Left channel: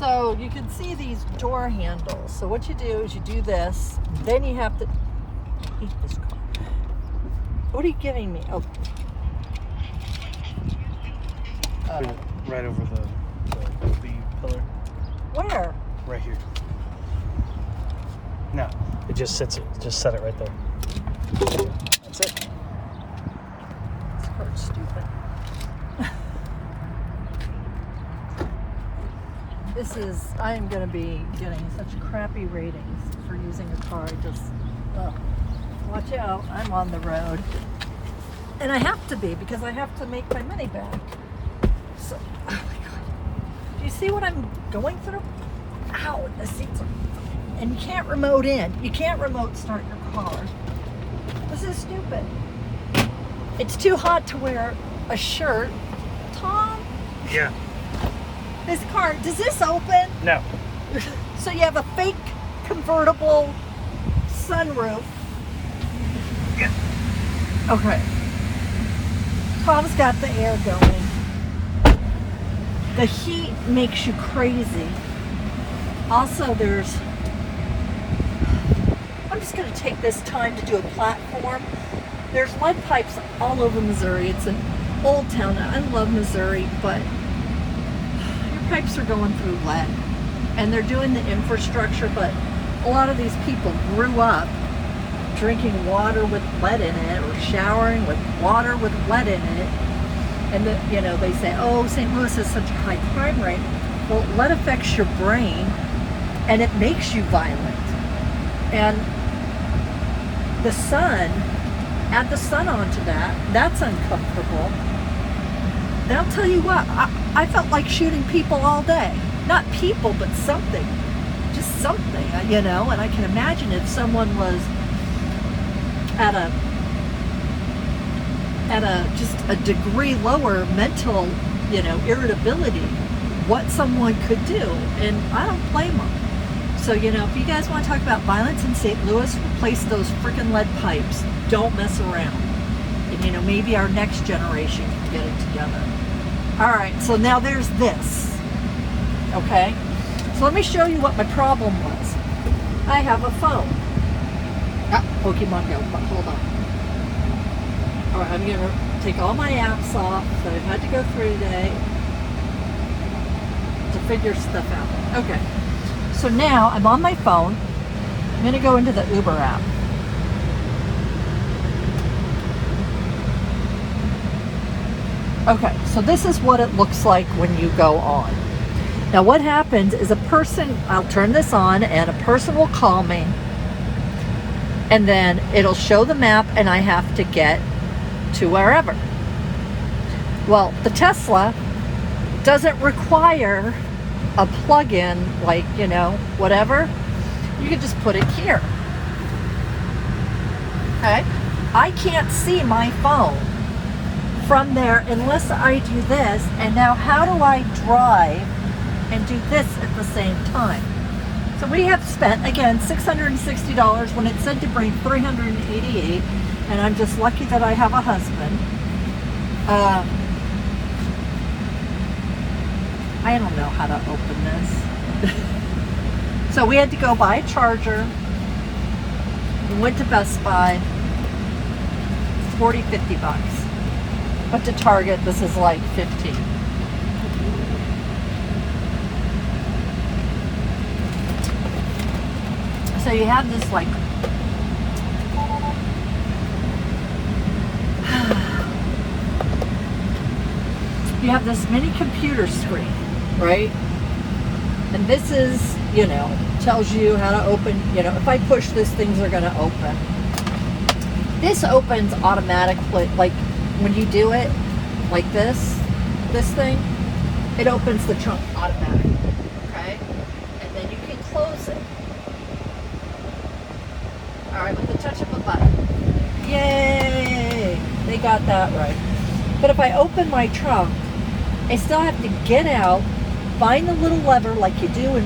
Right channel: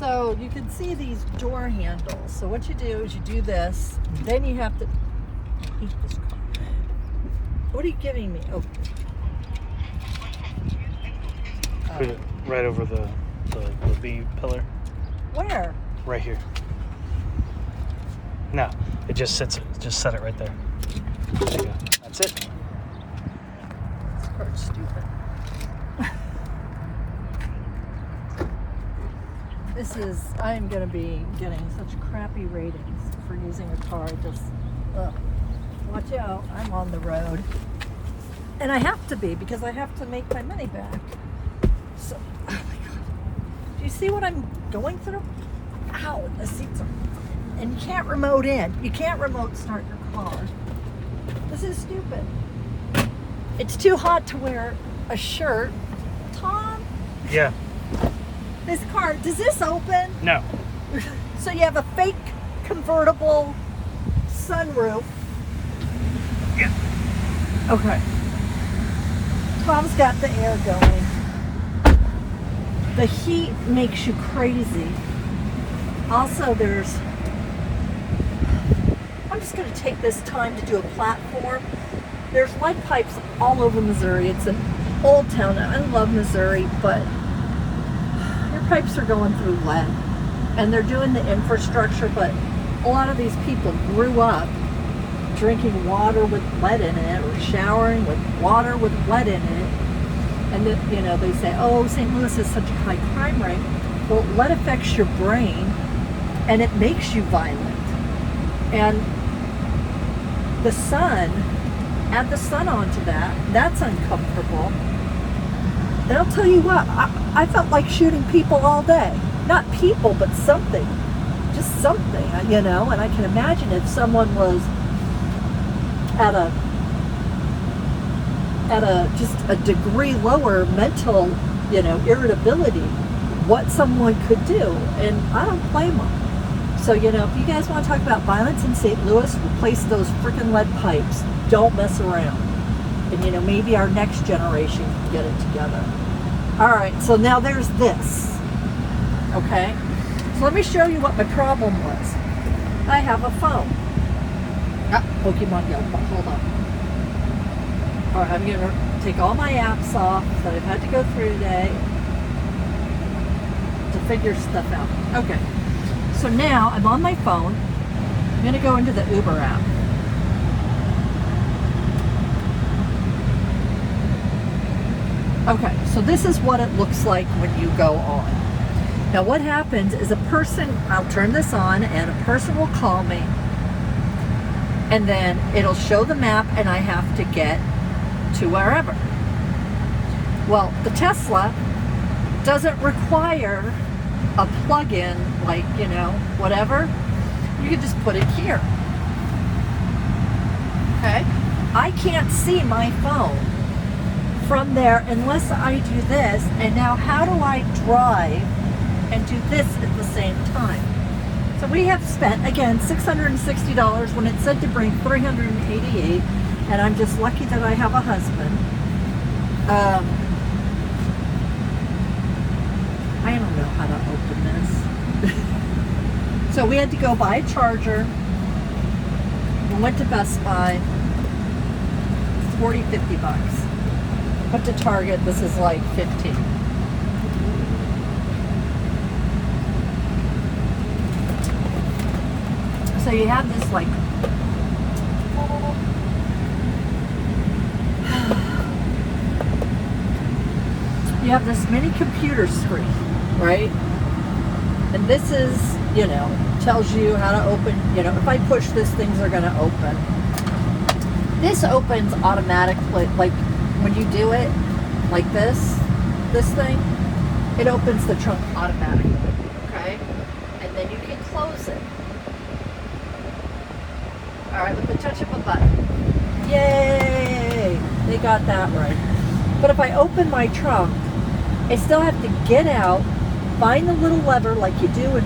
So you can see these door handles. So what you do is you do this, then you have to, I hate this car. What are you giving me? Oh. Put it right over the B pillar. Where? Right here. No, it just sits it. Just set it right there. There you go. That's it. This car's stupid. I am going to be getting such crappy ratings for using a car. Watch out, I'm on the road. And I have to be, because I have to make my money back. So, oh my God. Do you see what I'm going through? Ow, the seats are, and you can't remote in. You can't remote start your car. This is stupid. It's too hot to wear a shirt. Tom? Yeah. This car, does this open? No. So you have a fake convertible sunroof. Yeah. Okay. Tom's got the air going. The heat makes you crazy. Also, I'm just going to take this time to do a platform. There's lead pipes all over Missouri. It's an old town. I love Missouri, but pipes are going through lead, and they're doing the infrastructure, but a lot of these people grew up drinking water with lead in it, or showering with water with lead in it, and they say, oh, St. Louis has such a high crime rate. Well, lead affects your brain, and it makes you violent. And the sun, add the sun onto that's uncomfortable. And I'll tell you what, I felt like shooting people all day. Not people, but something. Just something, and I can imagine if someone was at just a degree lower mental, irritability, what someone could do. And I don't blame them. So, if you guys want to talk about violence in St. Louis, replace those freaking lead pipes. Don't mess around. And, maybe our next generation can get it together. All right, so now there's this, okay? So let me show you what my problem was. I have a phone. Pokemon Go, but hold on. All right, I'm gonna take all my apps off that I've had to go through today to figure stuff out. Okay, so now I'm on my phone. I'm gonna go into the Uber app. Okay, so this is what it looks like when you go on. Now what happens is I'll turn this on, and a person will call me, and then it'll show the map, and I have to get to wherever. Well, the Tesla doesn't require a plug-in, like, whatever. You can just put it here. Okay? I can't see my phone from there unless I do this. And now how do I drive and do this at the same time? So we have spent, again, $660 when it said to bring $388, and I'm just lucky that I have a husband. I don't know how to open this. So we had to go buy a charger. We went to Best Buy. 40, 50 bucks. But to Target, this is like 15. So you have this like you have this mini computer screen, right? And this is, tells you how to open, if I push this, things are going to open. This opens automatically, like when you do it like this thing, it opens the trunk automatically, okay? And then you can close it. All right, with the touch of a button. Yay! They got that right. But if I open my trunk, I still have to get out, find the little lever like you do in,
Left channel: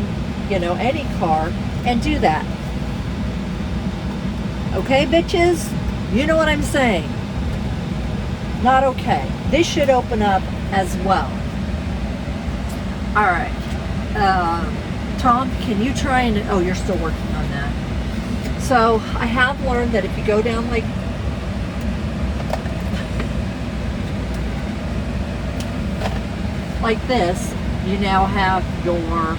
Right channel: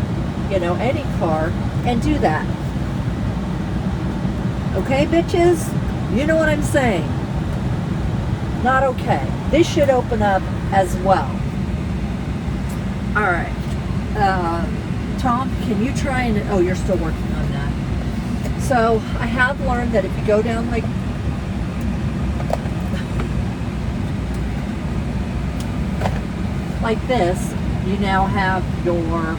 any car, and do that. Okay, bitches? You know what I'm saying? Not okay. This should open up as well. All right. Tom, can you try and, oh, you're still working on that. So I have learned that if you go down like this, you now have your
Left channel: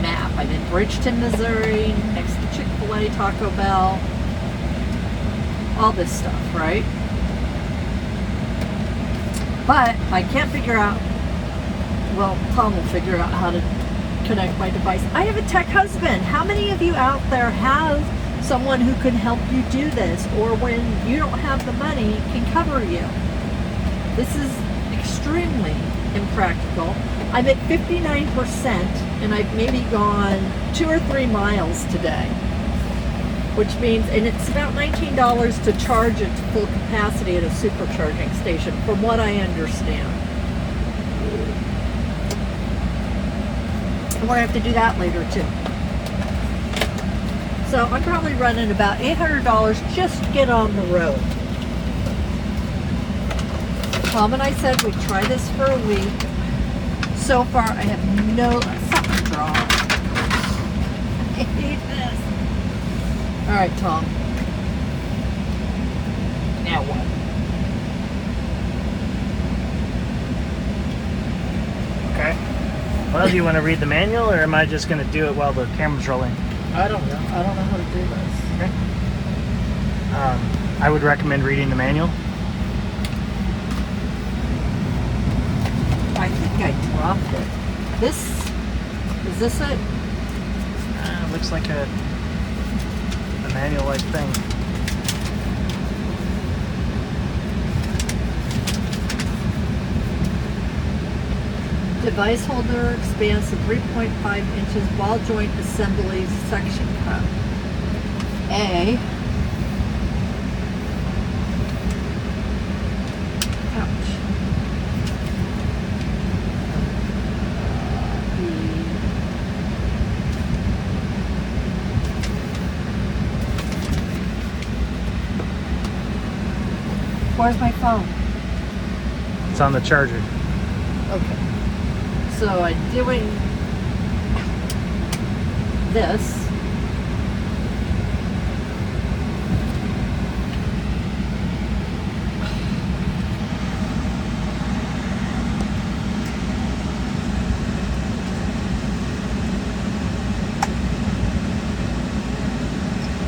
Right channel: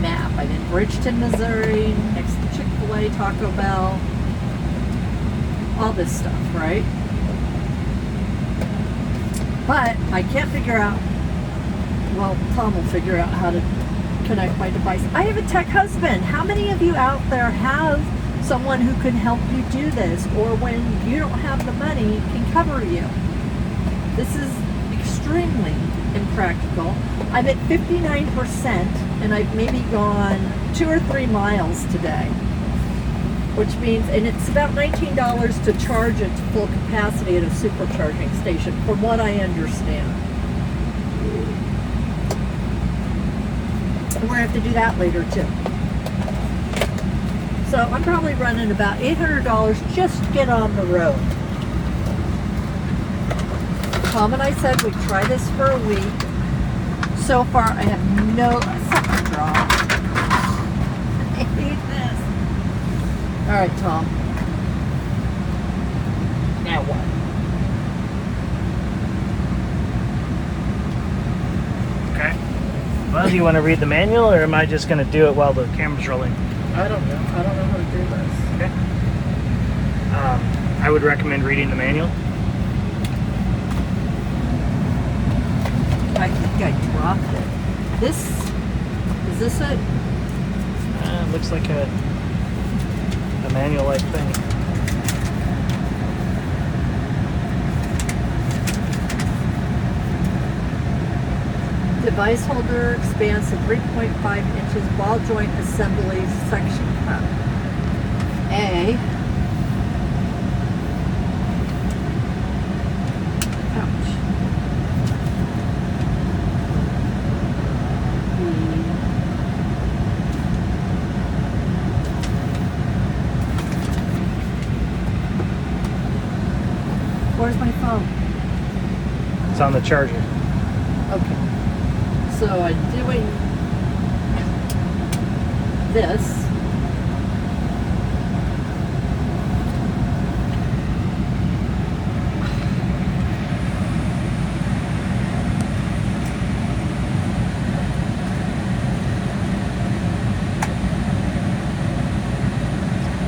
map. I'm in Bridgeton, Missouri, next to Chick-fil-A, Taco Bell, all this stuff, right? But I can't figure out, well, Tom will figure out how to connect my device. I have a tech husband. How many of you out there have someone who can help you do this, or when you don't have the money, can cover you? This is extremely impractical. I'm at 59%, and I've maybe gone 2 or 3 miles today, which means, and it's about $19 to charge it to full capacity at a supercharging station, from what I understand. And we're going to have to do that later too. So I'm probably running about $800 just to get on the road. Tom and I said we'd try this for a week. So far, I have no fucking draw. I hate this. All right, Tom. Now what? Okay. Well, do you want to read the manual, or am I just going to do it while the camera's rolling? I don't know. I don't know how to do this. Okay. I would recommend reading the manual. I think I dropped it. Is this it? It looks like a manual-like thing. Device holder expands to 3.5 inches, ball joint assemblies, section cup. A. Ouch. B. Where's my phone? It's on the charger. Okay. So I'm doing this.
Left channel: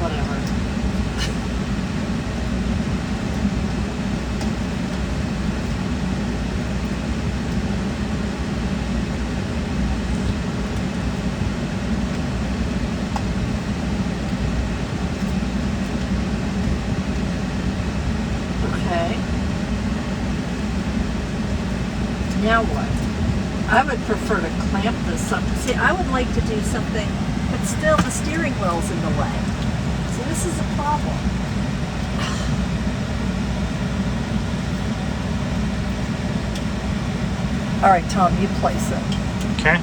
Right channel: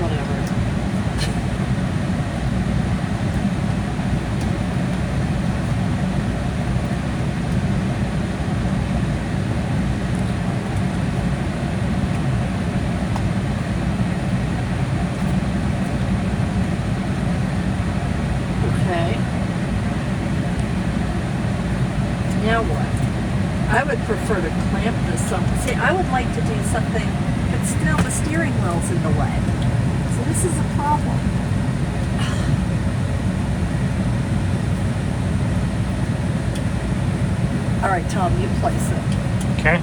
Whatever. Now what? I would prefer to clamp this up. See, I would like to do something, but still the steering wheel's in the way. So this is a problem. All right, Tom, you place it. Okay.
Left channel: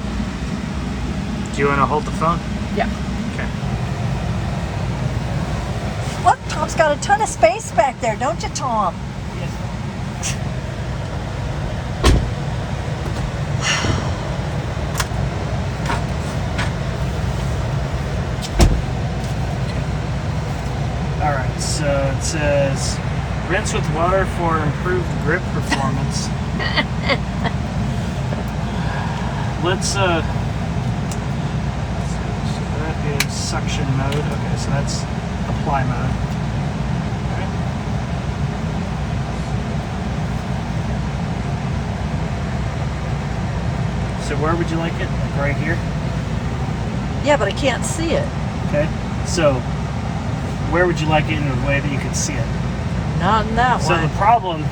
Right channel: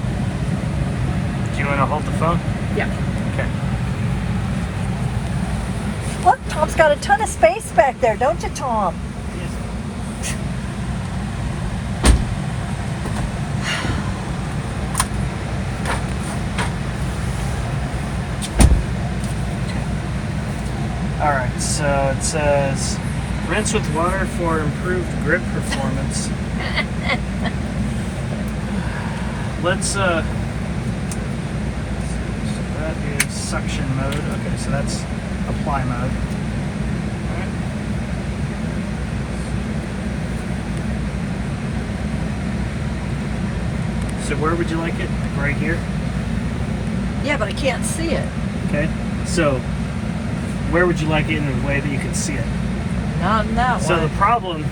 Do you want to hold the phone? Yeah. Okay. Look, Tom's got a ton of space back there, don't you, Tom? Alright, so it says rinse with water for improved grip performance. Let's so that is suction mode. Okay, so that's apply mode. Okay. So where would you like it? Like right here? Yeah, but I can't see it. Okay. So where would you like it in a way that you can see it? Not in that So way. the problem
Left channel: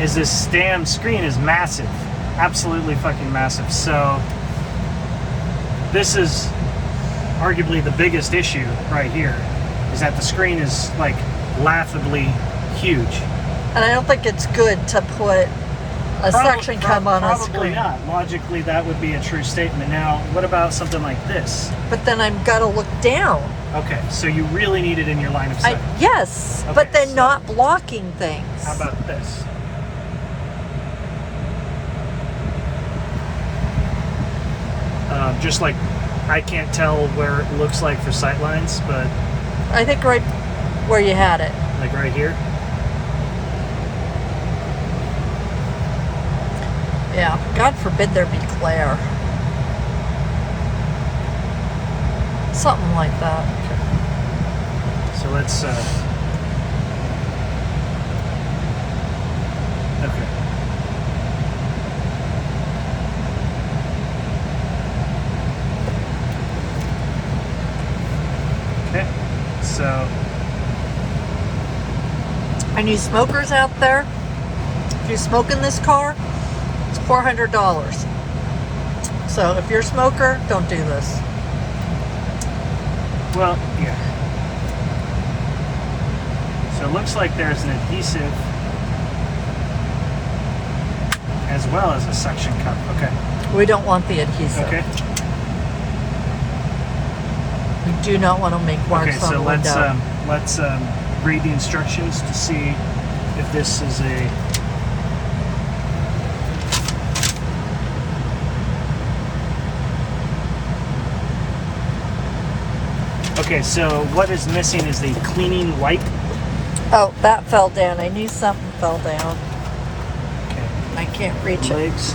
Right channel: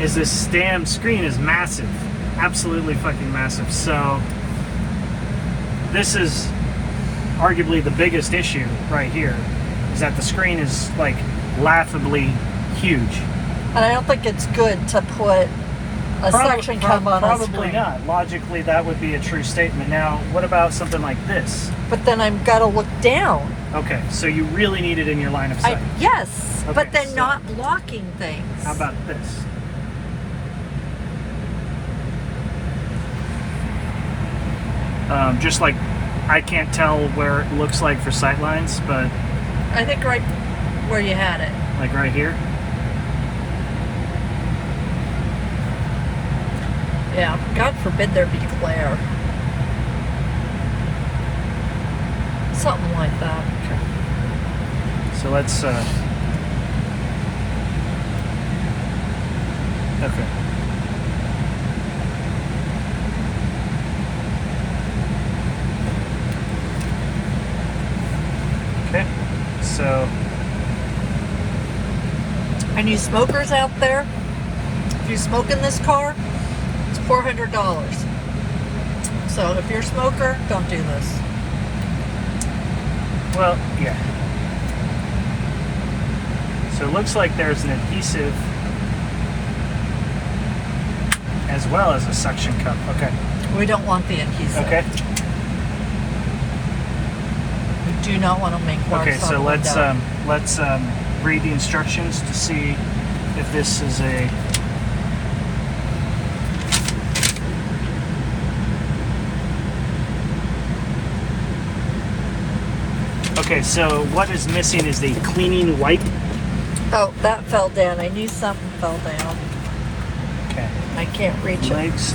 is this damn screen is massive. Absolutely fucking massive. So this is arguably the biggest issue right here, is that the screen is like laughably huge. And I don't think it's good to put a suction cup on a Probably screen. not. Logically, that would be a true statement. Now, what about something like this? But then I've got to look down. Okay, so you really need it in your line of sight. Yes, Okay, but then so- not blocking things. How about this? Just like I can't tell where it looks like for sight lines, but I think right where you had it. like right here. Yeah, God forbid there be glare. Something like that. Okay. So let's. Okay. Okay. So. And you smokers out there, if you smoke in this car, it's $400. So if you're a smoker, don't do this. Well, yeah. So it looks like there's an adhesive as well as a suction cup. Okay. We don't want the adhesive. Okay. We do not want to make marks Okay. on So the window. let's read the instructions to see if this is a. Okay. So what is missing is the cleaning wipe. Oh, that fell down. I knew something fell down. Okay. I can't reach it. Legs.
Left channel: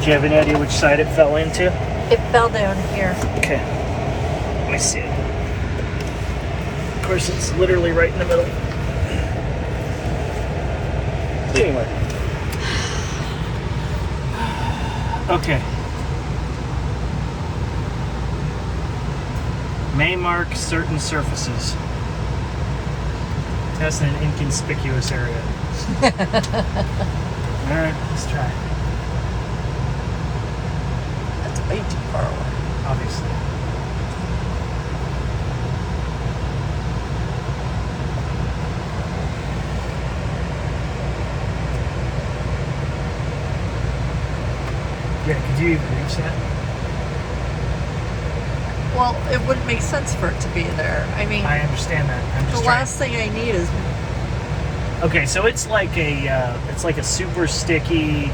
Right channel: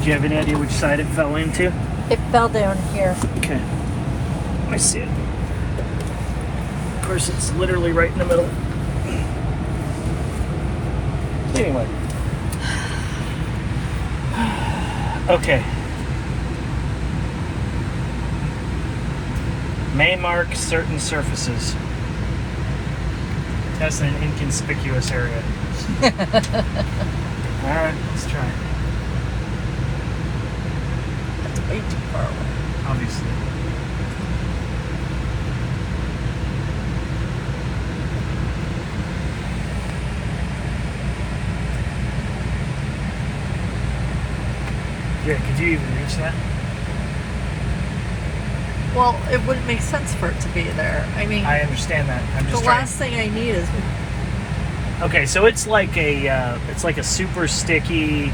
Do you have any idea which side it fell into? It fell down here. Okay. Let me see it. Of course, it's literally right in the middle. Anyway. Okay. May mark certain surfaces. Test in an inconspicuous area. Alright, let's try it. That's way too far away. Obviously. Yeah, could you even reach that? Well, it wouldn't make sense for it to be there. I mean, I understand that. I'm the just trying. last thing I need is Okay, so it's like a super sticky,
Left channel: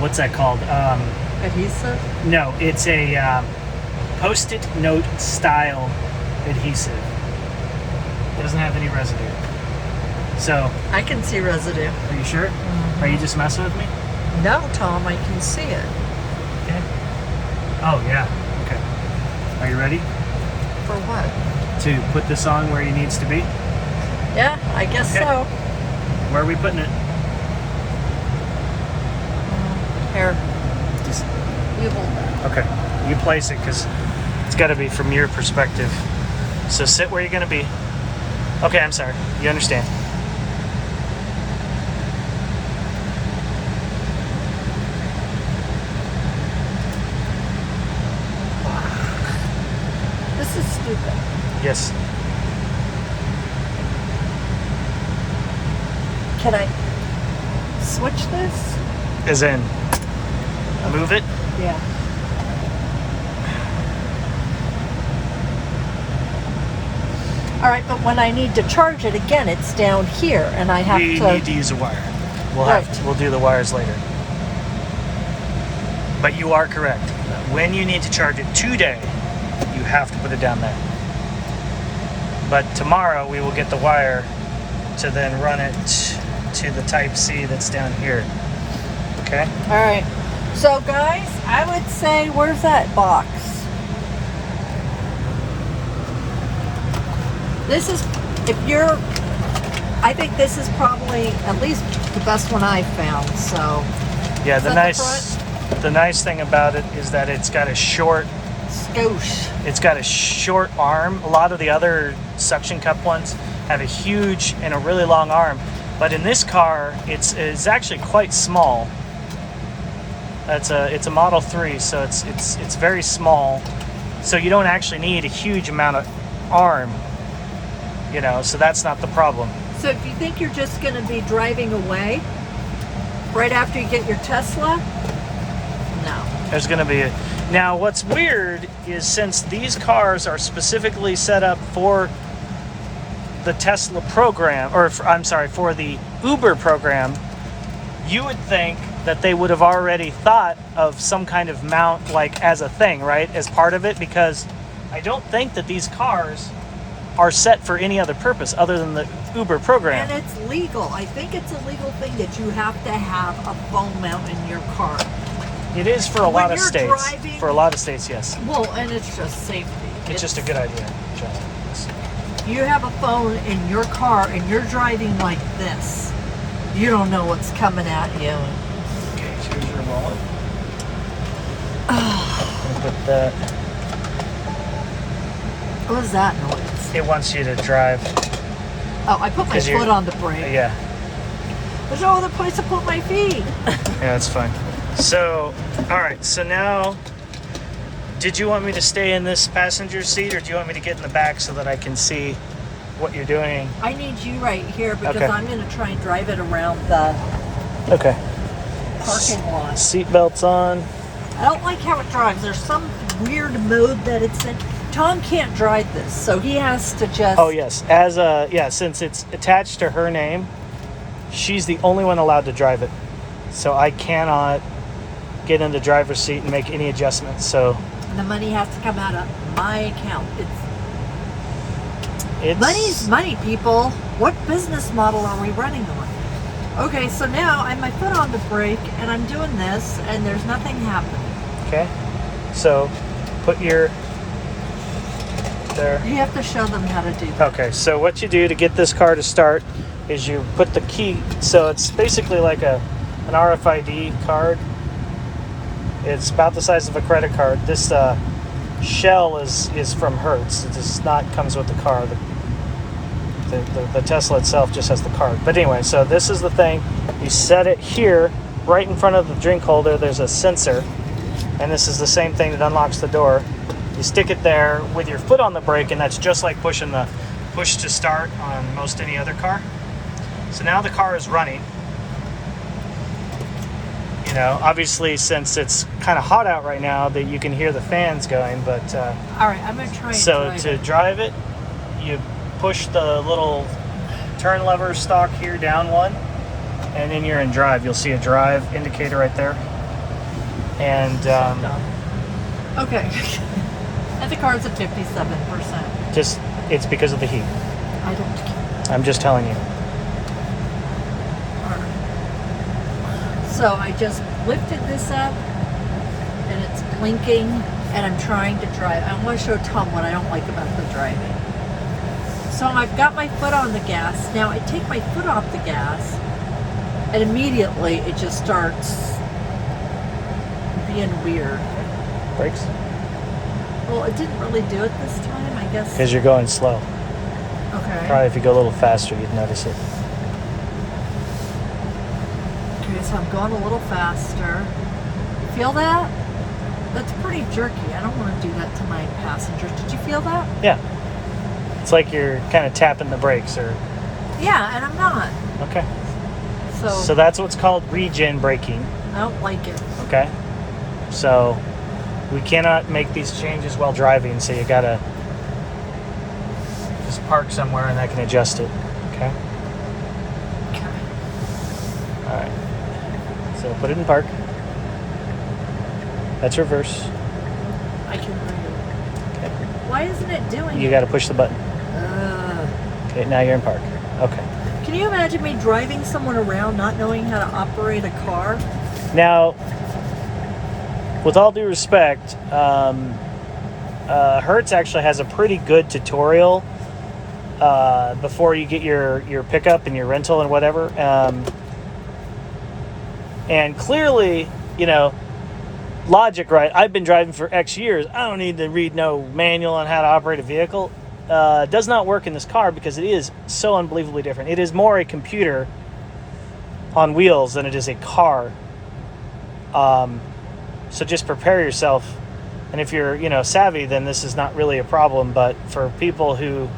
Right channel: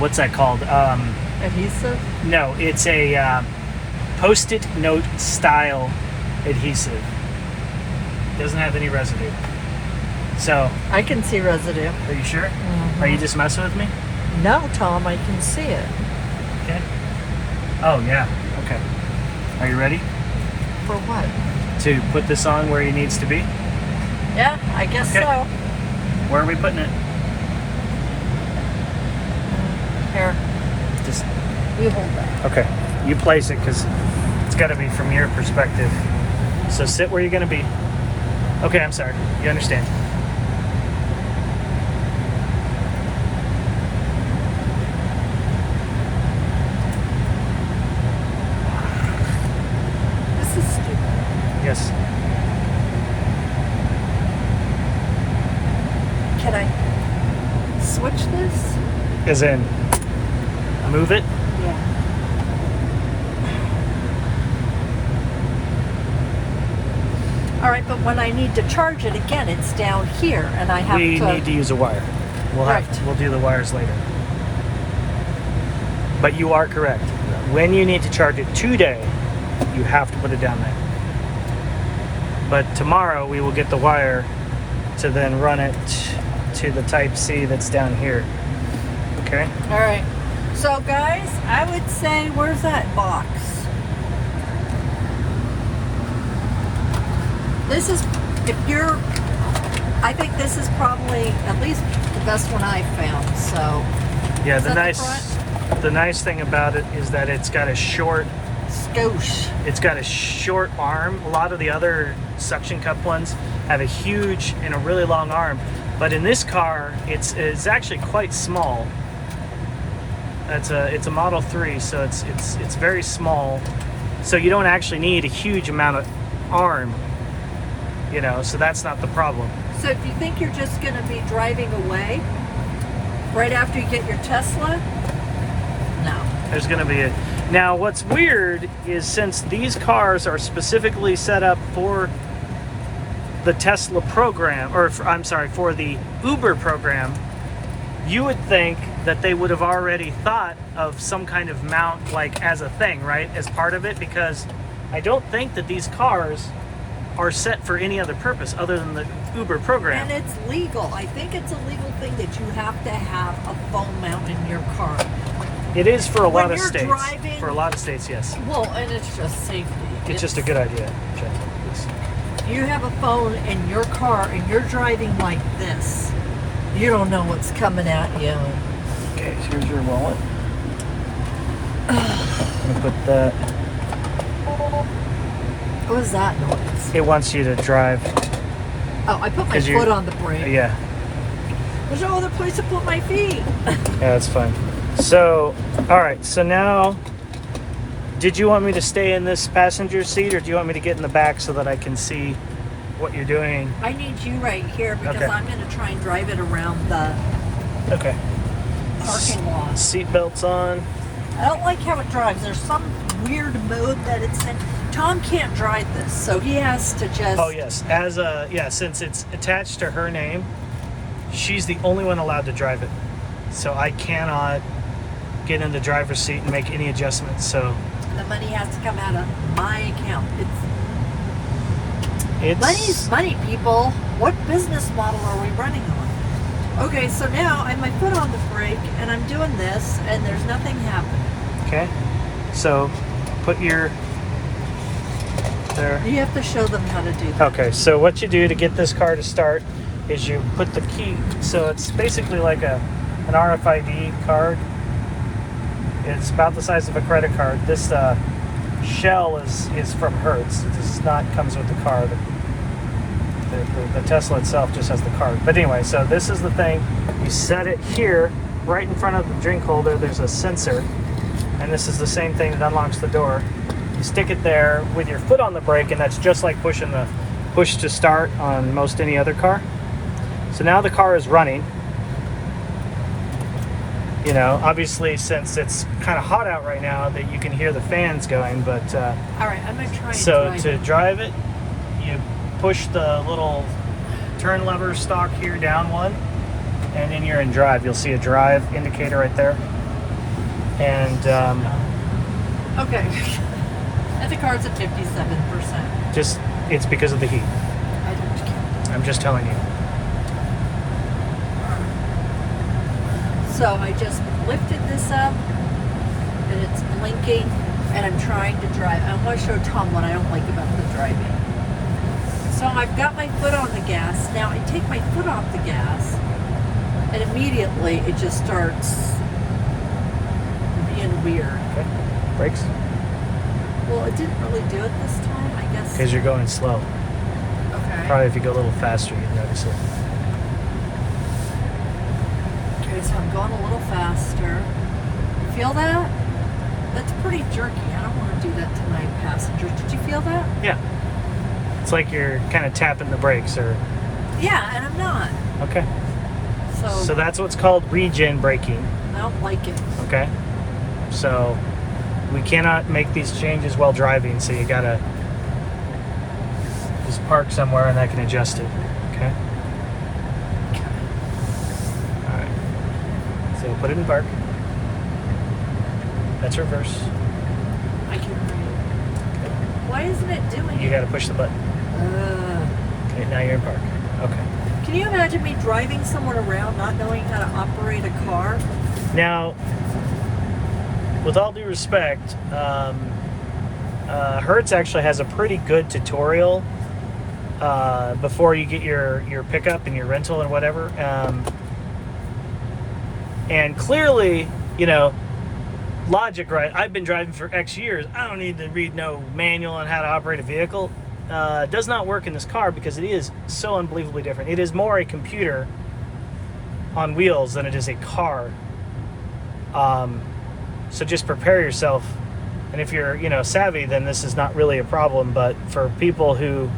what's that called? adhesive. No, it's a Post-it note style adhesive. Doesn't have any residue. So, I can see residue. are you sure? Mhm. Are you just messing with me? No, Tom, I can see it. Okay. Oh yeah. Okay. Are you ready For what? to put this on where it needs to be? Yeah, I guess Okay. so. Where are we putting it? Here, Just you hold that. okay. You place it because it's got to be from your perspective. So sit where you're going to be. Okay, I'm sorry. You understand. This is stupid. Yes. Can I switch this? As in, move it. Yeah. All right, but when I need to charge it again, it's down here, and I have We to. need to use a wire. Right. We'll do the wires later. But you are correct. When you need to charge it today, you have to put it down there. But tomorrow we will get the wire to then run it to the type C that's down here. Okay? All right. So, guys, I would say, where's that box? This is, if you're, I think this is probably at least the best one I've found. So, Yeah, Is the that the nice thing about it is that it's got a short arm. A lot of the other suction cup ones have a huge and a really long arm, but in this car it's actually quite small. It's a Model 3, so it's very small, so you don't actually need a huge amount of arm, you know, so that's not the problem. So if you think you're just going to be driving away right after you get your Tesla, no. There's going to be a... Now, what's weird is since these cars are specifically set up for the Tesla program, or I'm sorry, for the Uber program, you would think that they would have already thought of some kind of mount, like as a thing, right? As part of it, because I don't think that these cars are set for any other purpose other than the Uber program. And it's legal. I think it's a legal thing that you have to have a phone mount in your car. It is for a lot of you're states. driving- For a lot of states, yes. Well, and it's just safety. It's just a good idea, generally. Yes. You have a phone in your car and you're driving like this. You don't know what's coming at you. Okay, here's your wallet. I'm gonna put that. What was that noise? It wants you to drive. Oh, I put my 'Cause you're- foot on the brake. Yeah, There's no other place to put my feet. yeah, that's fine. So, all right. So now, did you want me to stay in this passenger seat, or do you want me to get in the back so that I can see what you're doing? I need you right here because Okay. I'm going to try and drive it around the Okay. parking lot. Seat belts on. I don't like how it drives. There's some weird mode that it's in. Tom can't drive this, so he has to just... Oh yes, since it's attached to her name, she's the only one allowed to drive it. So I cannot get in the driver's seat and make any adjustments. So The money has to come out of my account. it's Money's money, people. What business model are we running on? Okay, so now I have my foot on the brake, and I'm doing this, and there's nothing happening. okay. So put your there. You have to show them how to do that. Okay, so what you do to get this car to start is you put the key. So it's basically like an RFID card. It's about the size of a credit card. This shell is from Hertz. It does not comes with the car. The Tesla itself just has the card. But anyway, so this is the thing. You set it here, right in front of the drink holder. There's a sensor, and this is the same thing that unlocks the door. You stick it there with your foot on the brake, and that's just like pushing the push to start on most any other car. So now the car is running. You know, obviously, since it's kind of hot out right now, that you can hear the fans going. But All right, I'm going to try so and to drive it, you push the little turn lever stalk here down one, and then you're in drive. You'll see a drive indicator right there. And Okay. That the car's at 57%. just it's because of the heat. I don't care. I'm just telling you. So I just lifted this up, and it's blinking, and I'm trying to drive. I want to show Tom what I don't like about the driving. So I've got my foot on the gas. Now I take my foot off the gas, and immediately it just starts being weird. Okay. Brakes? Well, it didn't really do it this time, I guess. Because you're going slow. Okay. Probably if you go a little faster, you'd notice it. Okay, so I'm going a little faster. You feel that? That's pretty jerky. I don't want to do that to my passengers. Did you feel that? Yeah. It's like you're kind of tapping the brakes, or Yeah, and I'm not. okay. So, So that's what's called regen braking. I don't like it. Okay. So we cannot make these changes while driving, so you gotta just park somewhere and that can adjust it. Okay. Okay. All right. So put it in park. That's reverse. I can read. Why isn't it doing You it? got to push the button. Ugh. Okay, now you're in park. Okay. Can you imagine me driving someone around not knowing how to operate a car? Now, with all due respect, Hertz actually has a pretty good tutorial before you get your pickup and your rental and whatever. And clearly, you know, logic, right? I've been driving for X years. I don't need to read no manual on how to operate a vehicle. Does not work in this car because it is so unbelievably different. It is more a computer on wheels than it is a car. So just prepare yourself. And if you're, you know, savvy, then this is not really a problem. But for people who,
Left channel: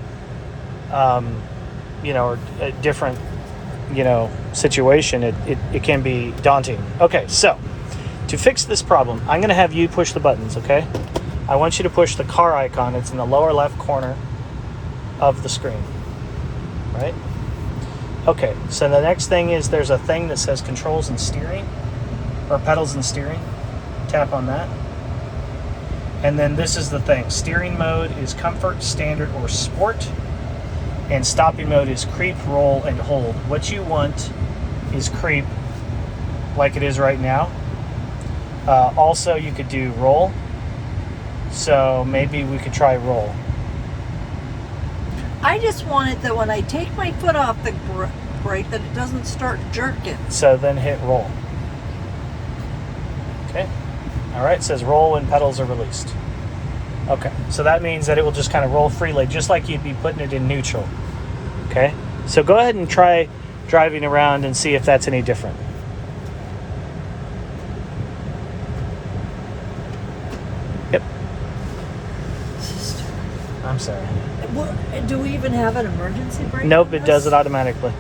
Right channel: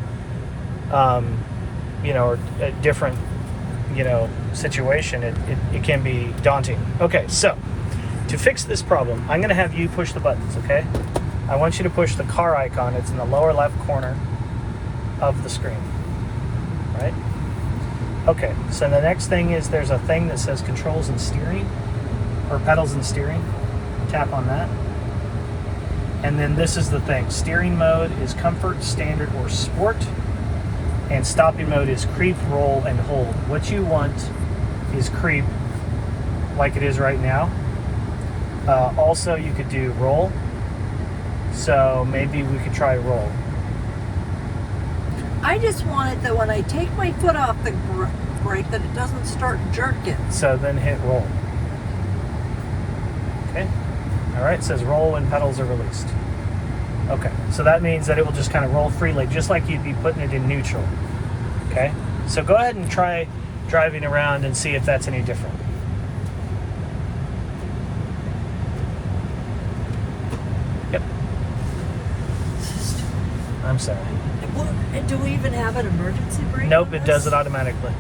you know, are a different, you know, situation, it can be daunting. Okay, so to fix this problem, I'm going to have you push the buttons, okay? I want you to push the car icon. It's in the lower left corner of the screen. right? Okay, so the next thing is there's a thing that says controls and steering, or pedals and steering. Tap on that. And then this is the thing. Steering mode is comfort, standard, or sport. And stopping mode is creep, roll, and hold. What you want is creep, like it is right now. Also, you could do roll. So maybe we could try roll. I just wanted that when I take my foot off the brake that it doesn't start jerking. So then hit roll. Okay. All right, it says roll when pedals are released. Okay, so that means that it will just kind of roll freely, just like you'd be putting it in neutral. Okay, so go ahead and try driving around and see if that's any different. Yep. I'm sorry. Do we even have an emergency brake? Nope, it does it automatically.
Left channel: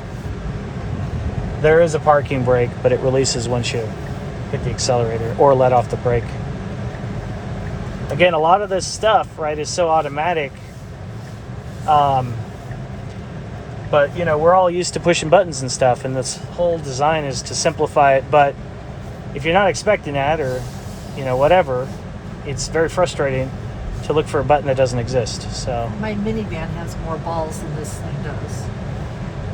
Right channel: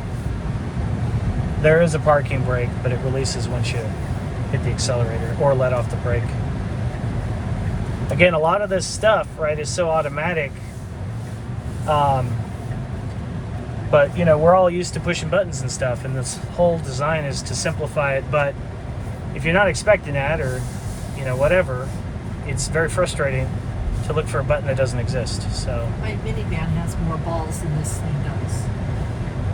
There is a parking brake, but it releases once you hit the accelerator or let off the brake. Again, a lot of this stuff, right, is so automatic. But, you know, we're all used to pushing buttons and stuff, and this whole design is to simplify it. But if you're not expecting that or, you know, whatever, it's very frustrating to look for a button that doesn't exist. So My minivan has more balls than this thing does.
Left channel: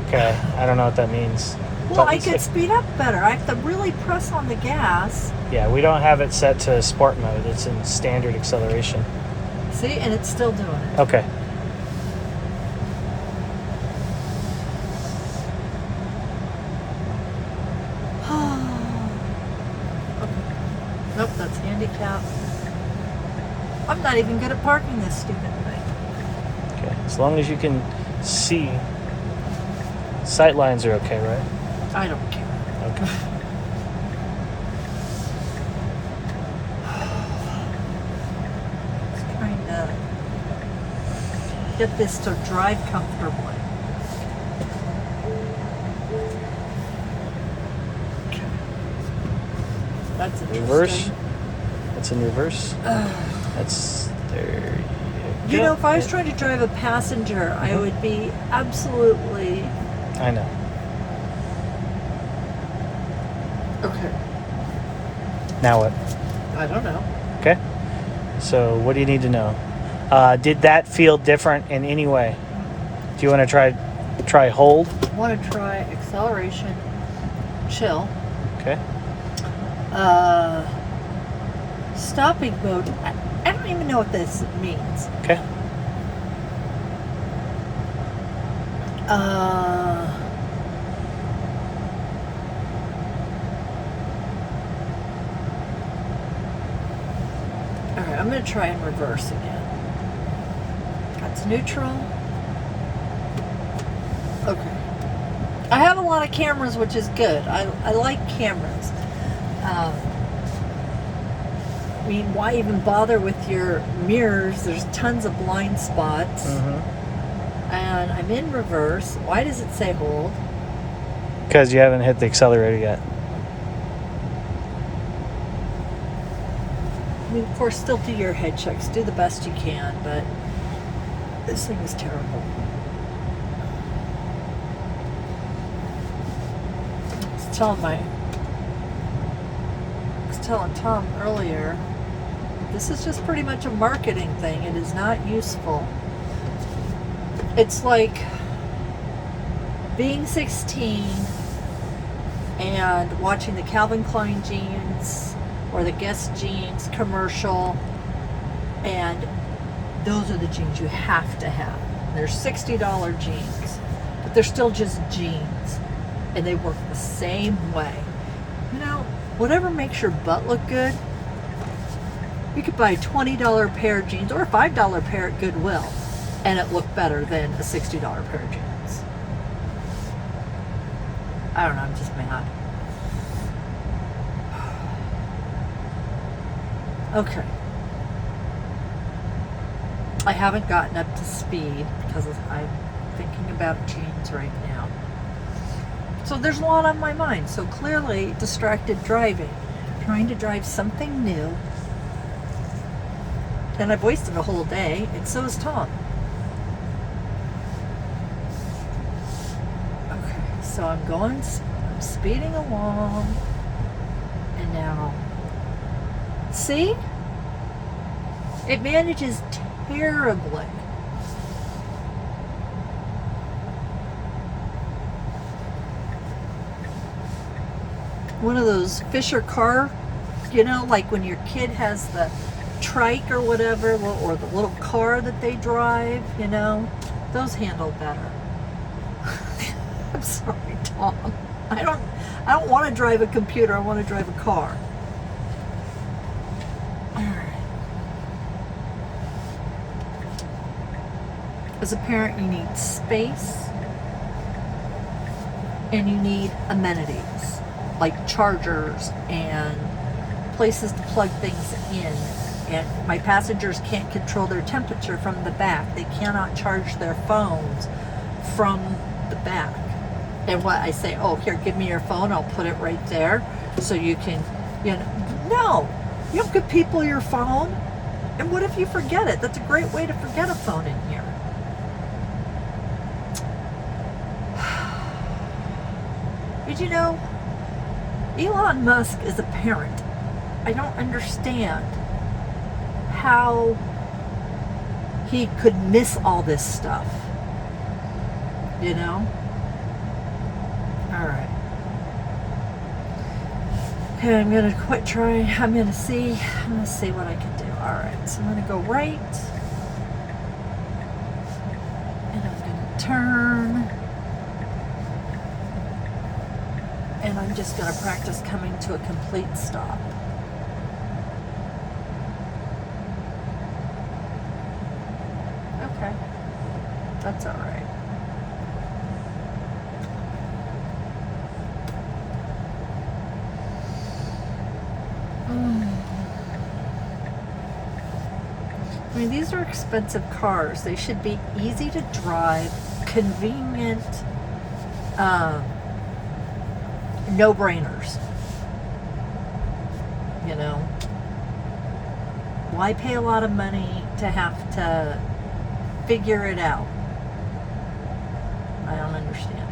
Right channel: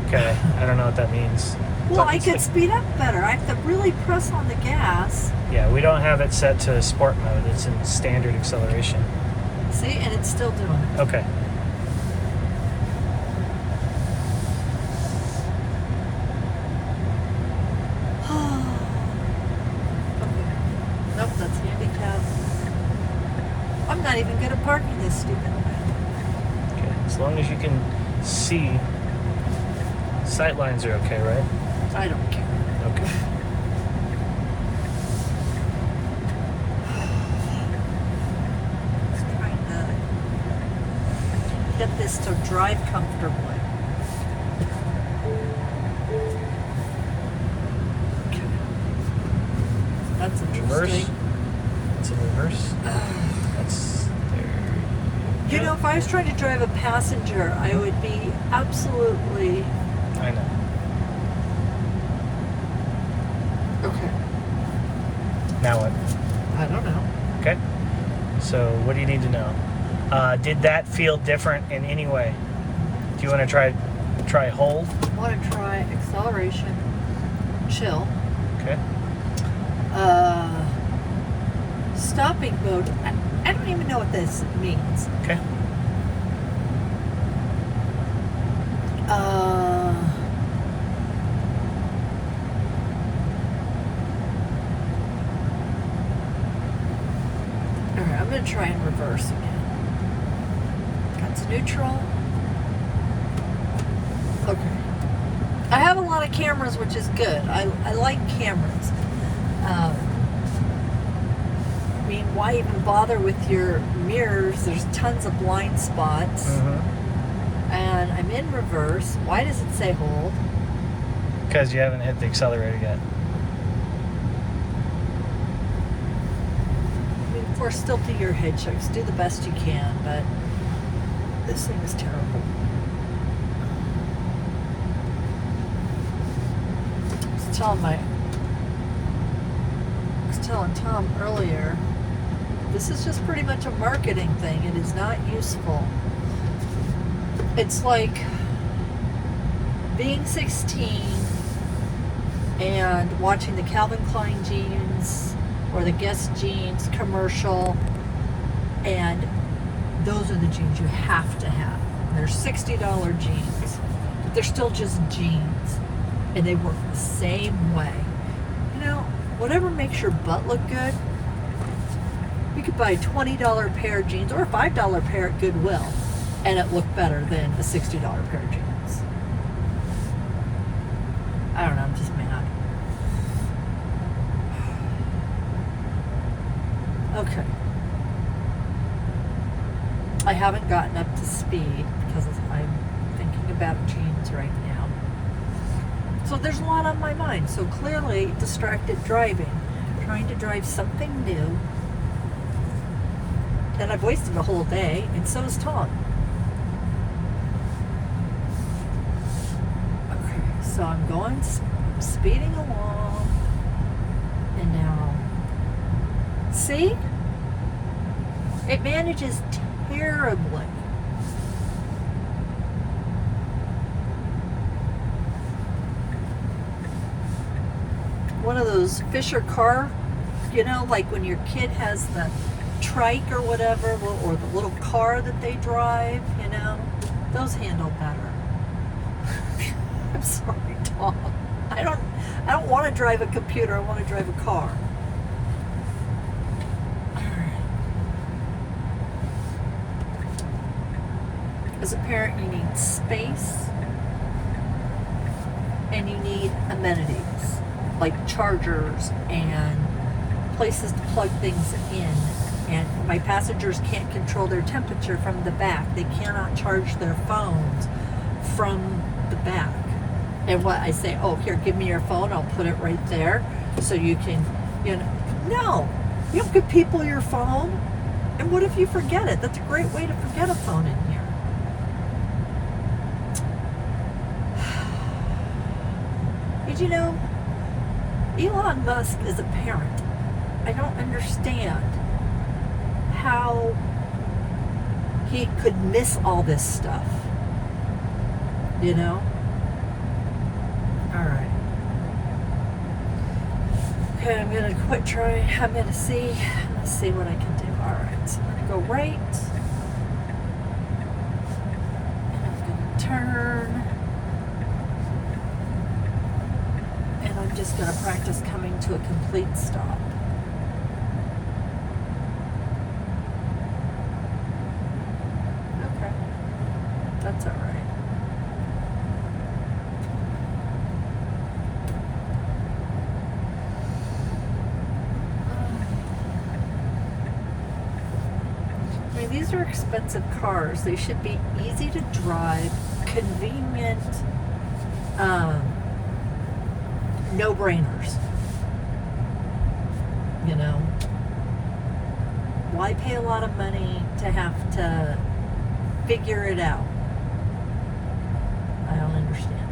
okay, I don't know what that means. Well, I Buttons could that- speed up better. I have to really press on the gas. Yeah, we don't have it set to sport mode. It's in standard acceleration. See, and it's still doing it. Okay. Okay. Nope, that's handicap. I'm not even good at parking this stupid thing. Okay. As long as you can see, sight lines are okay, right? I don't care. Okay. Just trying to get this to drive comfortably. Okay. That's Reverse. interesting. That's in reverse. That's there. You know, if I was trying to drive a passenger, I would be absolutely... I know. Okay. Now what? I don't know. Okay. So what do you need to know? Did that feel different in any way? Do you want to try hold? I want to try acceleration, chill, Okay. stopping mode. I don't even know what this means. Okay. Alright, I'm going to try in reverse again. That's neutral. Okay. I have a lot of cameras, which is good. I like cameras. I mean, why even bother with your mirrors? There's tons of blind spots. Mm-hmm. And I'm in reverse. Why does it say hold? Because you haven't hit the accelerator yet. I mean, of course, still do your head checks. Do the best you can, but this thing is terrible. I was telling Tom earlier, this is just pretty much a marketing thing. It is not useful. It's like being 16 and watching the Calvin Klein jeans or the Guess jeans commercial, and those are the jeans you have to have. They're $60 jeans, but they're still just jeans, and they work the same way. You know, whatever makes your butt look good. You could buy a $20 pair of jeans or a $5 pair at Goodwill, and it looked better than a $60 pair of jeans. I don't know, I'm just mad. Okay. I haven't gotten up to speed because I'm thinking about jeans right now. So there's a lot on my mind. So clearly distracted driving, trying to drive something new. And I've wasted a whole day, and so has Tom. So I'm speeding along, and now, see? It manages terribly. One of those Fisher car, like when your kid has the trike or whatever, or the little car that they drive, those handle better. I'm sorry, Tom. I don't want to drive a computer. I want to drive a car. All right. As a parent, you need space, and you need amenities like chargers and places to plug things in. And my passengers can't control their temperature from the back. They cannot charge their phones from the back. And what I say, oh, here, give me your phone. I'll put it right there so you can, no. You don't give people your phone. And what if you forget it? That's a great way to forget a phone in here. Did you know Elon Musk is a parent? I don't understand how he could miss all this stuff. All right. Okay, I'm gonna quit trying. I'm gonna see what I can do. All right, so I'm gonna go right, and I'm gonna turn, and I'm just gonna practice coming to a complete stop. Okay, that's all right. I mean, these are expensive cars. They should be easy to drive, convenient, no-brainers. Why pay a lot of money to have to figure it out? I don't understand.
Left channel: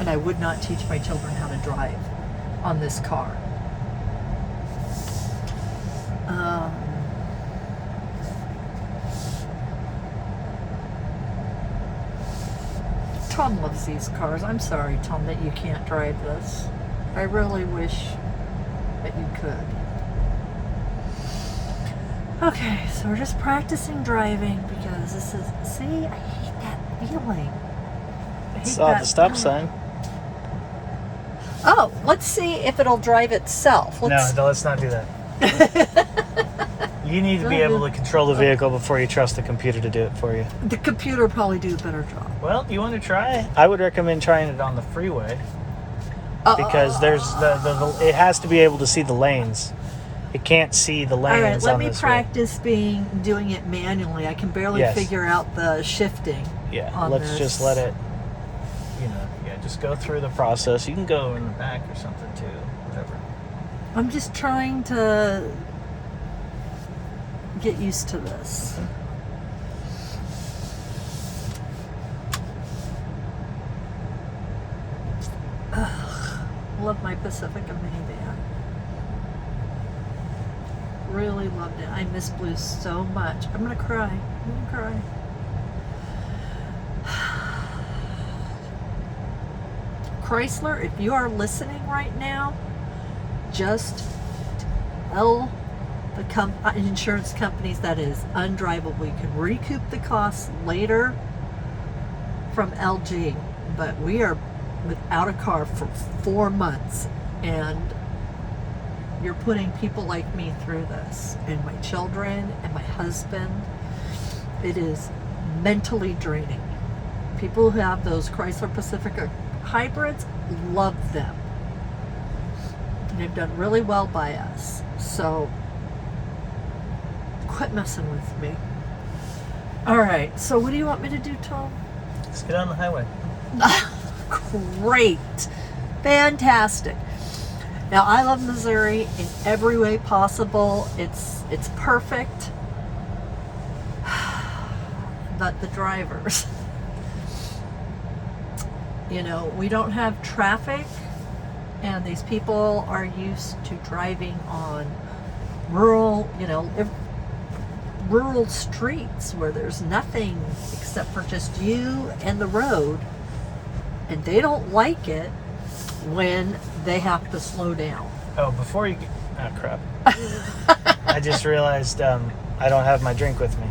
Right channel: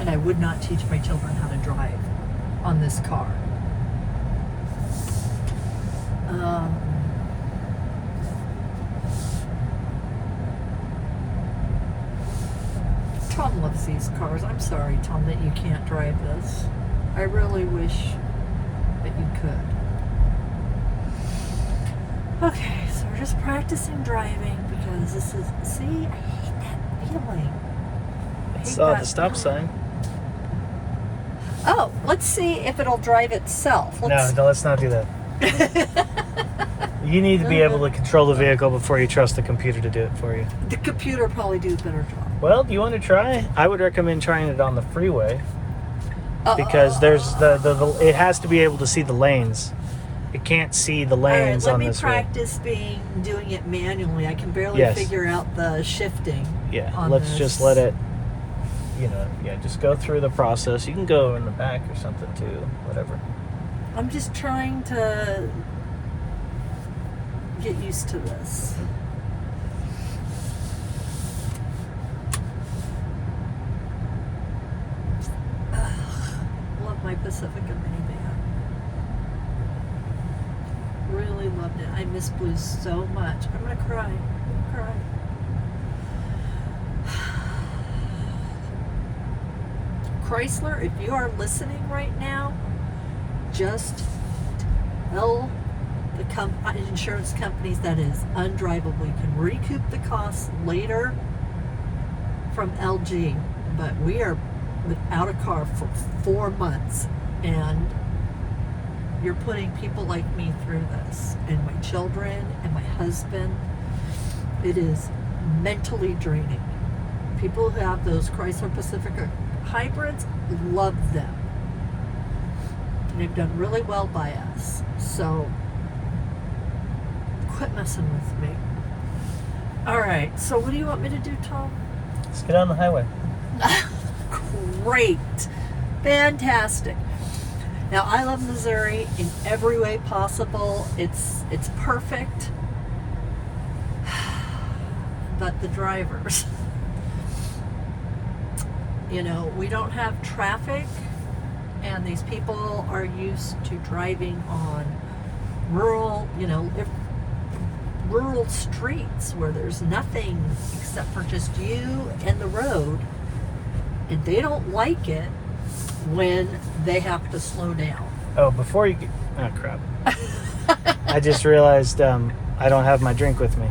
And I would not teach my children how to drive on this car. Tom loves these cars. I'm sorry, Tom, that you can't drive this. I really wish that you could. Okay, so we're just practicing driving because this is, see, I hate that feeling. I saw the stop sign. Oh, let's see if it'll drive itself. No, let's not do that. You need to be able to control the vehicle before you trust the computer to do it for you. The computer will probably do a better job. Well, do you want to try? I would recommend trying it on the freeway because there's it has to be able to see the lanes. It can't see the lanes on this way. Let me practice doing it manually. I can barely figure out the shifting. Yeah, let's just let it, just go through the process. You can go in the back or something too, whatever. I'm just trying to get used to this. I love my Pacifica minivan. Really loved it. I miss blue so much. I'm gonna cry. Chrysler, if you are listening right now, just tell the insurance companies that is undrivable. You can recoup the costs later from LG, but we are without a car for 4 months, and you're putting people like me through this, and my children and my husband. It is mentally draining. People who have those Chrysler Pacifica hybrids love them. They've done really well by us. So quit messing with me. All right. So what do you want me to do, Tom? Let's get on the highway. Great. Fantastic. Now, I love Missouri in every way possible. It's perfect. But the drivers. You know, we don't have traffic, and these people are used to driving on rural, rural streets where there's nothing except for just you and the road, and they don't like it when they have to slow down. Oh, before you get... Oh, crap. I just realized I don't have my drink with me.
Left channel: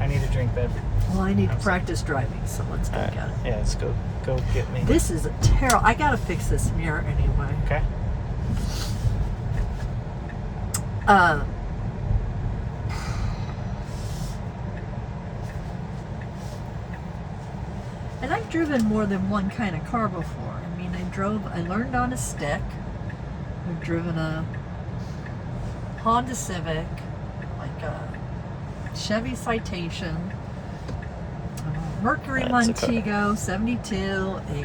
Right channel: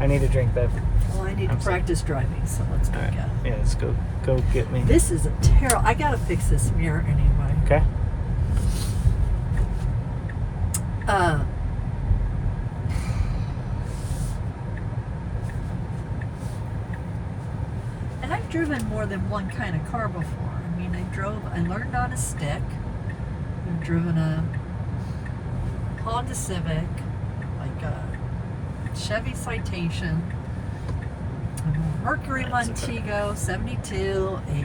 I need a drink, babe. Well, I need to practice driving, so let's go get it. Yeah, let's go get me. This is a terrible... I gotta fix this mirror anyway. Okay. And I've driven more than one kind of car before. I mean, I learned on a stick. I've driven a Honda Civic, like a Chevy Citation, a Mercury Montego 72, a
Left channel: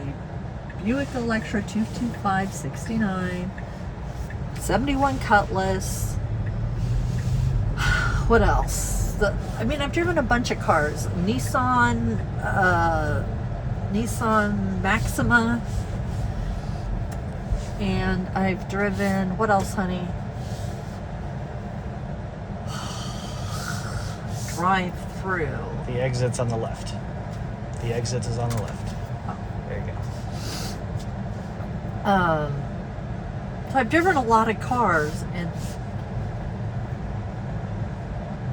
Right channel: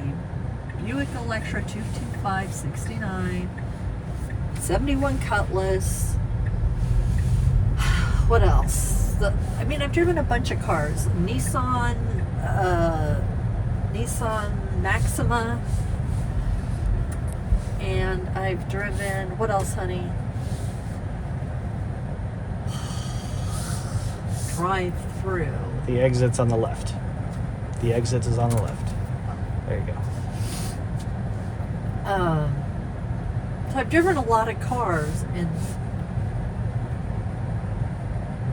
Buick Electra 225 69, 71 Cutlass. What else? I've driven a bunch of cars. Nissan Maxima. And I've driven, what else, honey? Drive through. The exit's on the left. The exit is on the left. There you go. So I've driven a lot of cars, and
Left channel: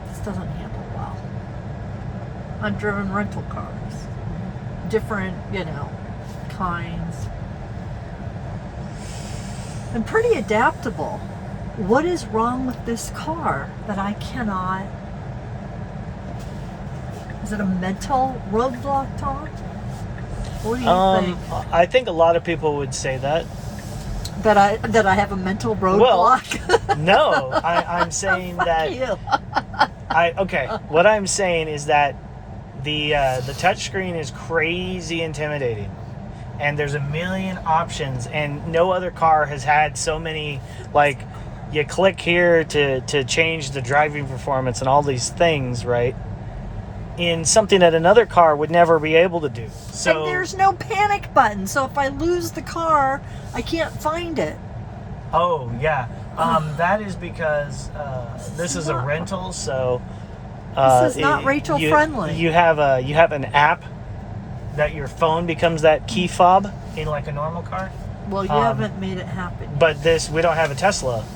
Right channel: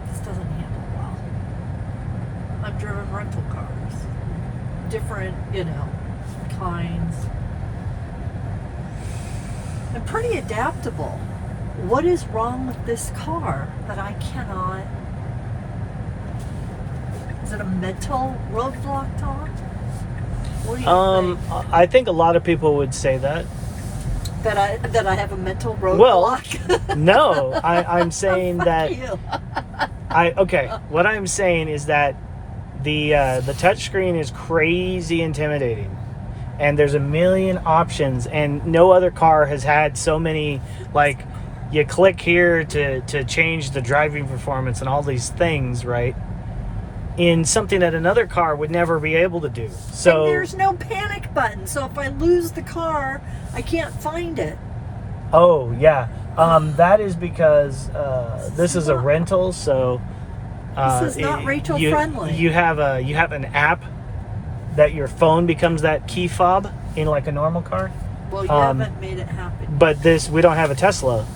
this doesn't handle well. I've driven rental cars. Different, kinds. I'm pretty adaptable. What is wrong with this car that I cannot... Is it a mental roadblock, Tom? What do you think? I think a lot of people would say that. That I have a mental roadblock? Well, no. I'm saying that... You. What I'm saying is that the touchscreen is crazy intimidating. And there's a million options, and no other car has had so many, like, you click here to change the driving performance and all these things, right? In something that another car would never be able to do. So and there's no panic button, so if I lose the car, I can't find it. Oh, yeah. That is because this is a rental, so... this is not Rachel friendly. You have an app that your phone becomes that key fob in like a normal car. Well, you haven't made it happen. But we don't have a Tesla.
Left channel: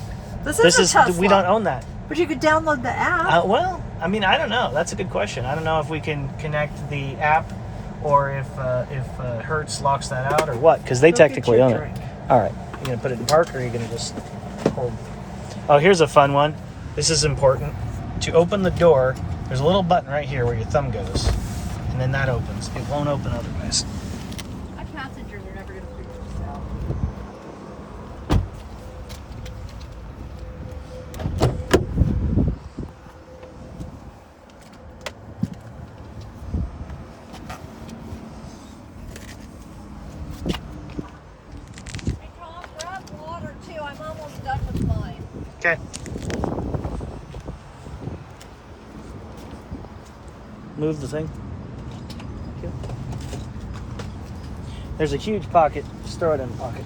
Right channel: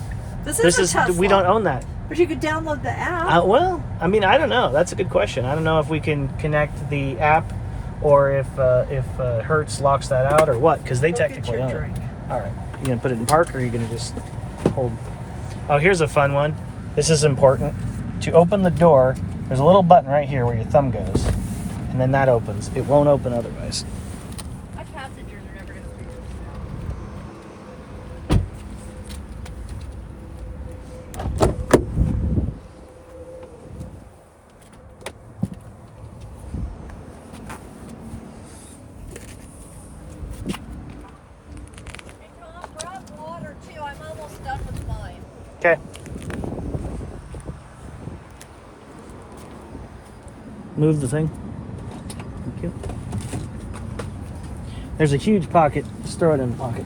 This is a Tesla. We don't own that. But you could download the app. Well, I mean, I don't know. That's a good question. I don't know if we can connect the app or if Hertz locks that out or what, because they technically own it. All right. You going to put it in park, or are you going to just hold? Oh, here's a fun one. This is important. To open the door, there's a little button right here where your thumb goes. And then that opens. It won't open otherwise. My passengers are never going to figure this out. Hey, Tom, grab water too. I'm almost done with mine. Okay. Move the thing. There's a huge pocket. Just throw it in the pocket.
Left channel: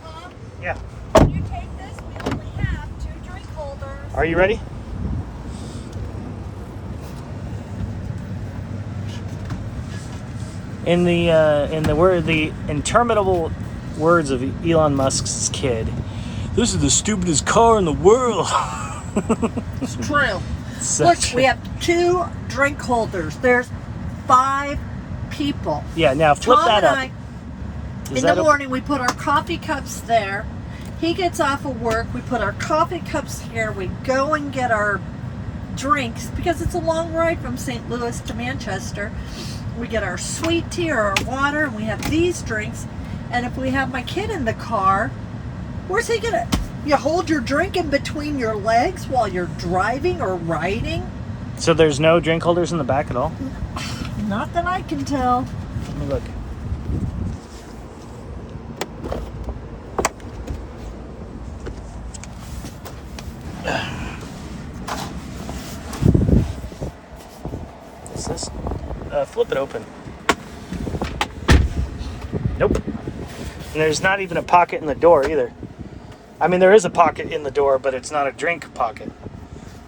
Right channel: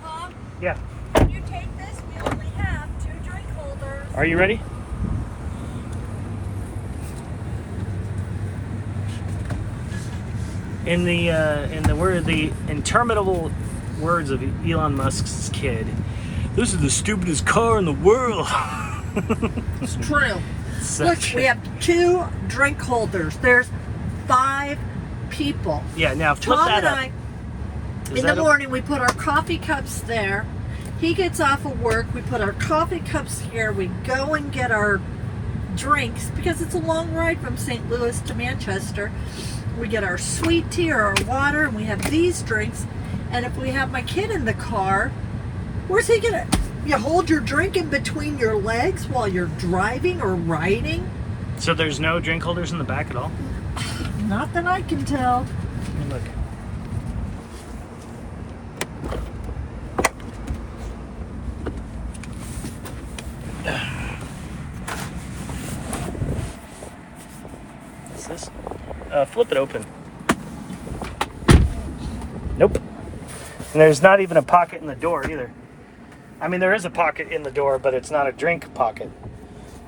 Tom, Yeah. can you take this? We only have 2 drink holders. Are you ready? In the interminable words of Elon Musk's kid, this is the stupidest car in the world. It's true. Look, we have 2 drink holders. There's 5 people. Yeah, now flip Tom that and up. I, in the morning, we put our coffee cups there. He gets off of work. We put our coffee cups here. We go and get our drinks because it's a long ride from St. Louis to Manchester. We get our sweet tea or our water, and we have these drinks. And if we have my kid in the car, where's he gonna? You hold your drink in between your legs while you're driving or riding? So there's no drink holders in the back at all? Not that I can tell. Let me look. What's this? Flip it open. Nope. And there's not even a pocket in the door either. I mean, there is a pocket in the door, but it's not a drink pocket.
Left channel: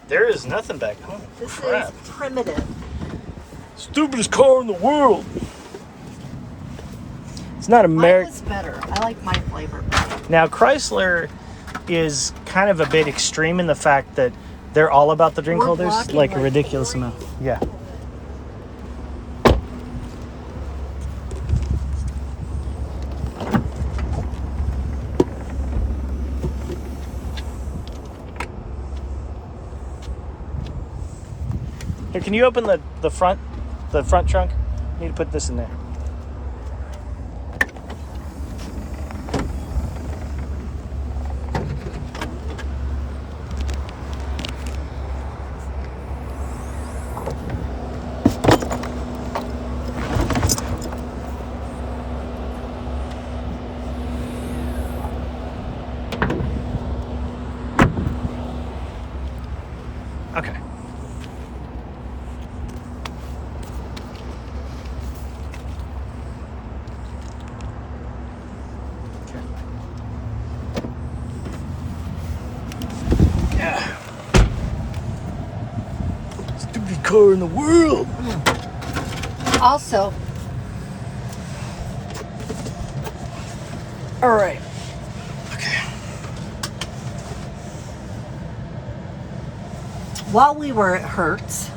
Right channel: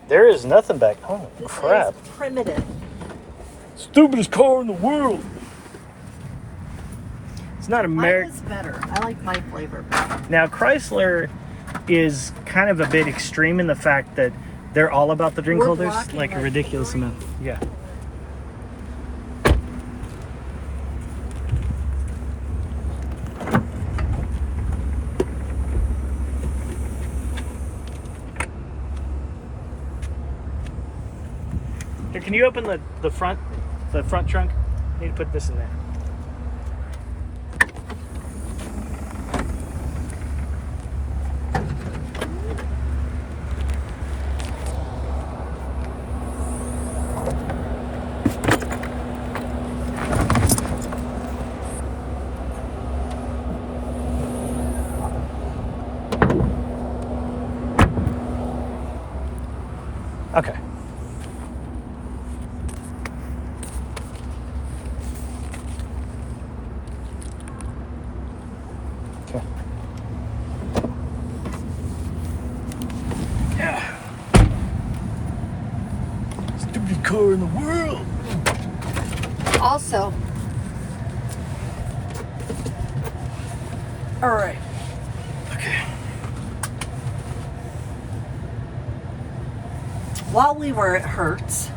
There is nothing back. Oh, This crap. is primitive. Stupidest car in the world. It's not Mine American. is better. I like my flavor better. Now, Chrysler is kind of a bit extreme in the fact that they're all about the drink We're holders, blocking like a that. ridiculous amount. Yeah. Here, can you open the front trunk? I need to put this in there. Okay. Yeah. Stupid car in the world. Also, all right. Okay. While we were at Hertz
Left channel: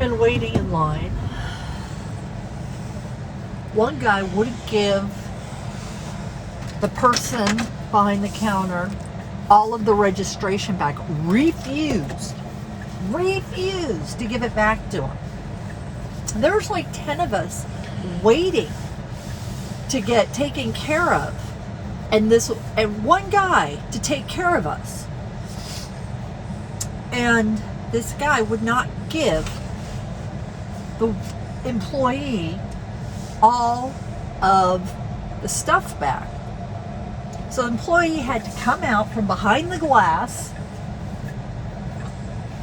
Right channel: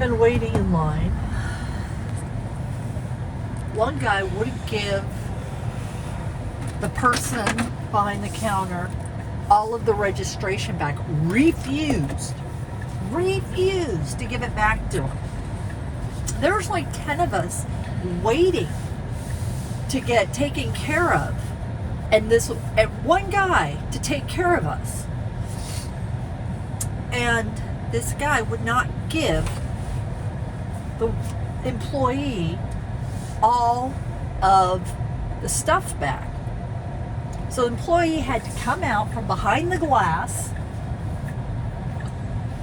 and waiting in line, one guy wouldn't give the person behind the counter all of the registration back. Refused to give it back to him. There was like 10 of us waiting to get taken care of, and one guy to take care of us. And this guy would not give the employee all of the stuff back. So the employee had to come out from behind the glass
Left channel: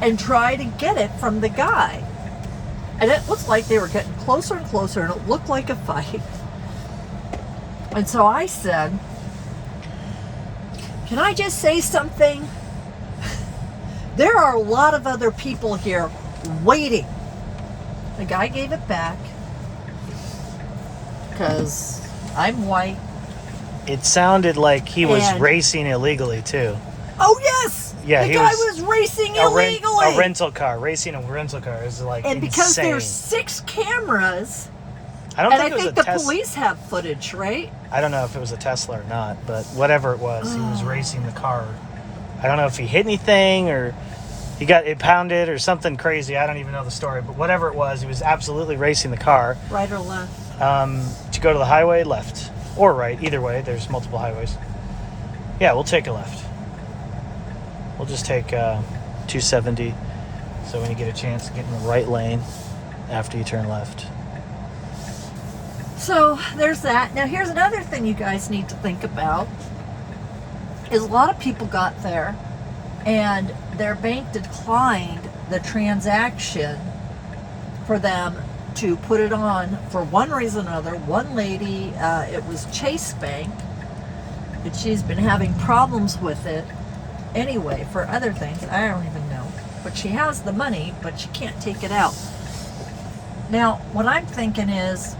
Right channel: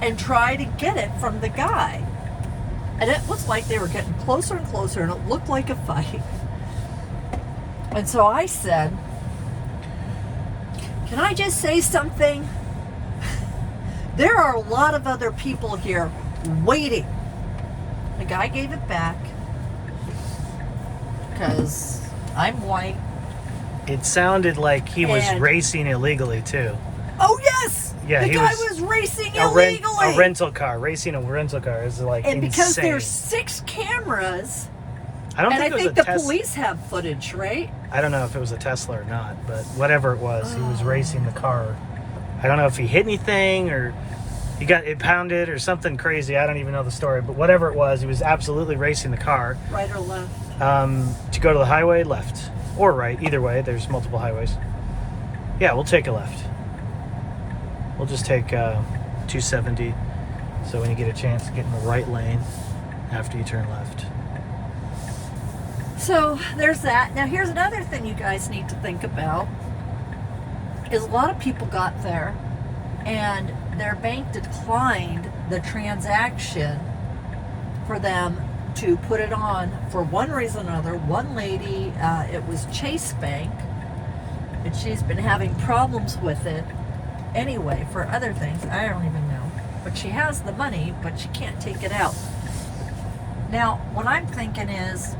and try to get it from the guy. And it looked like they were getting closer and closer, and it looked like a fight. And so I said, "Can I just say something? There are a lot of other people here waiting." The guy gave it back because I'm white. It sounded like he was And- racing illegally too. Oh yes! Yeah, the he guy was was racing A illegally. rental car, racing a rental car is like and because insane. there's 6 cameras, I don't and think I it was think a the Tesla. police have footage, right? I don't know if it was a Tesla or not, but whatever it was, he was racing the car. I don't know if he hit anything or he got it pounded or something crazy. I don't even know the story, but whatever it was, he was absolutely racing the car. Right or left? To go to the highway, left or right, either way. There's multiple highways. Yeah, we'll take a left. We'll just take 270. So when you get a chance, get in the right lane after you turn left. So there's that. Now here's another thing you guys need to think about. Is a lot of people got there and their bank declined the transaction for them to put it on for one reason or another. One lady, it was Chase Bank, and she's been having problems with it anyway for other things. I don't even know. But she has the money, but she can't take it out. Now, what I'm thinking is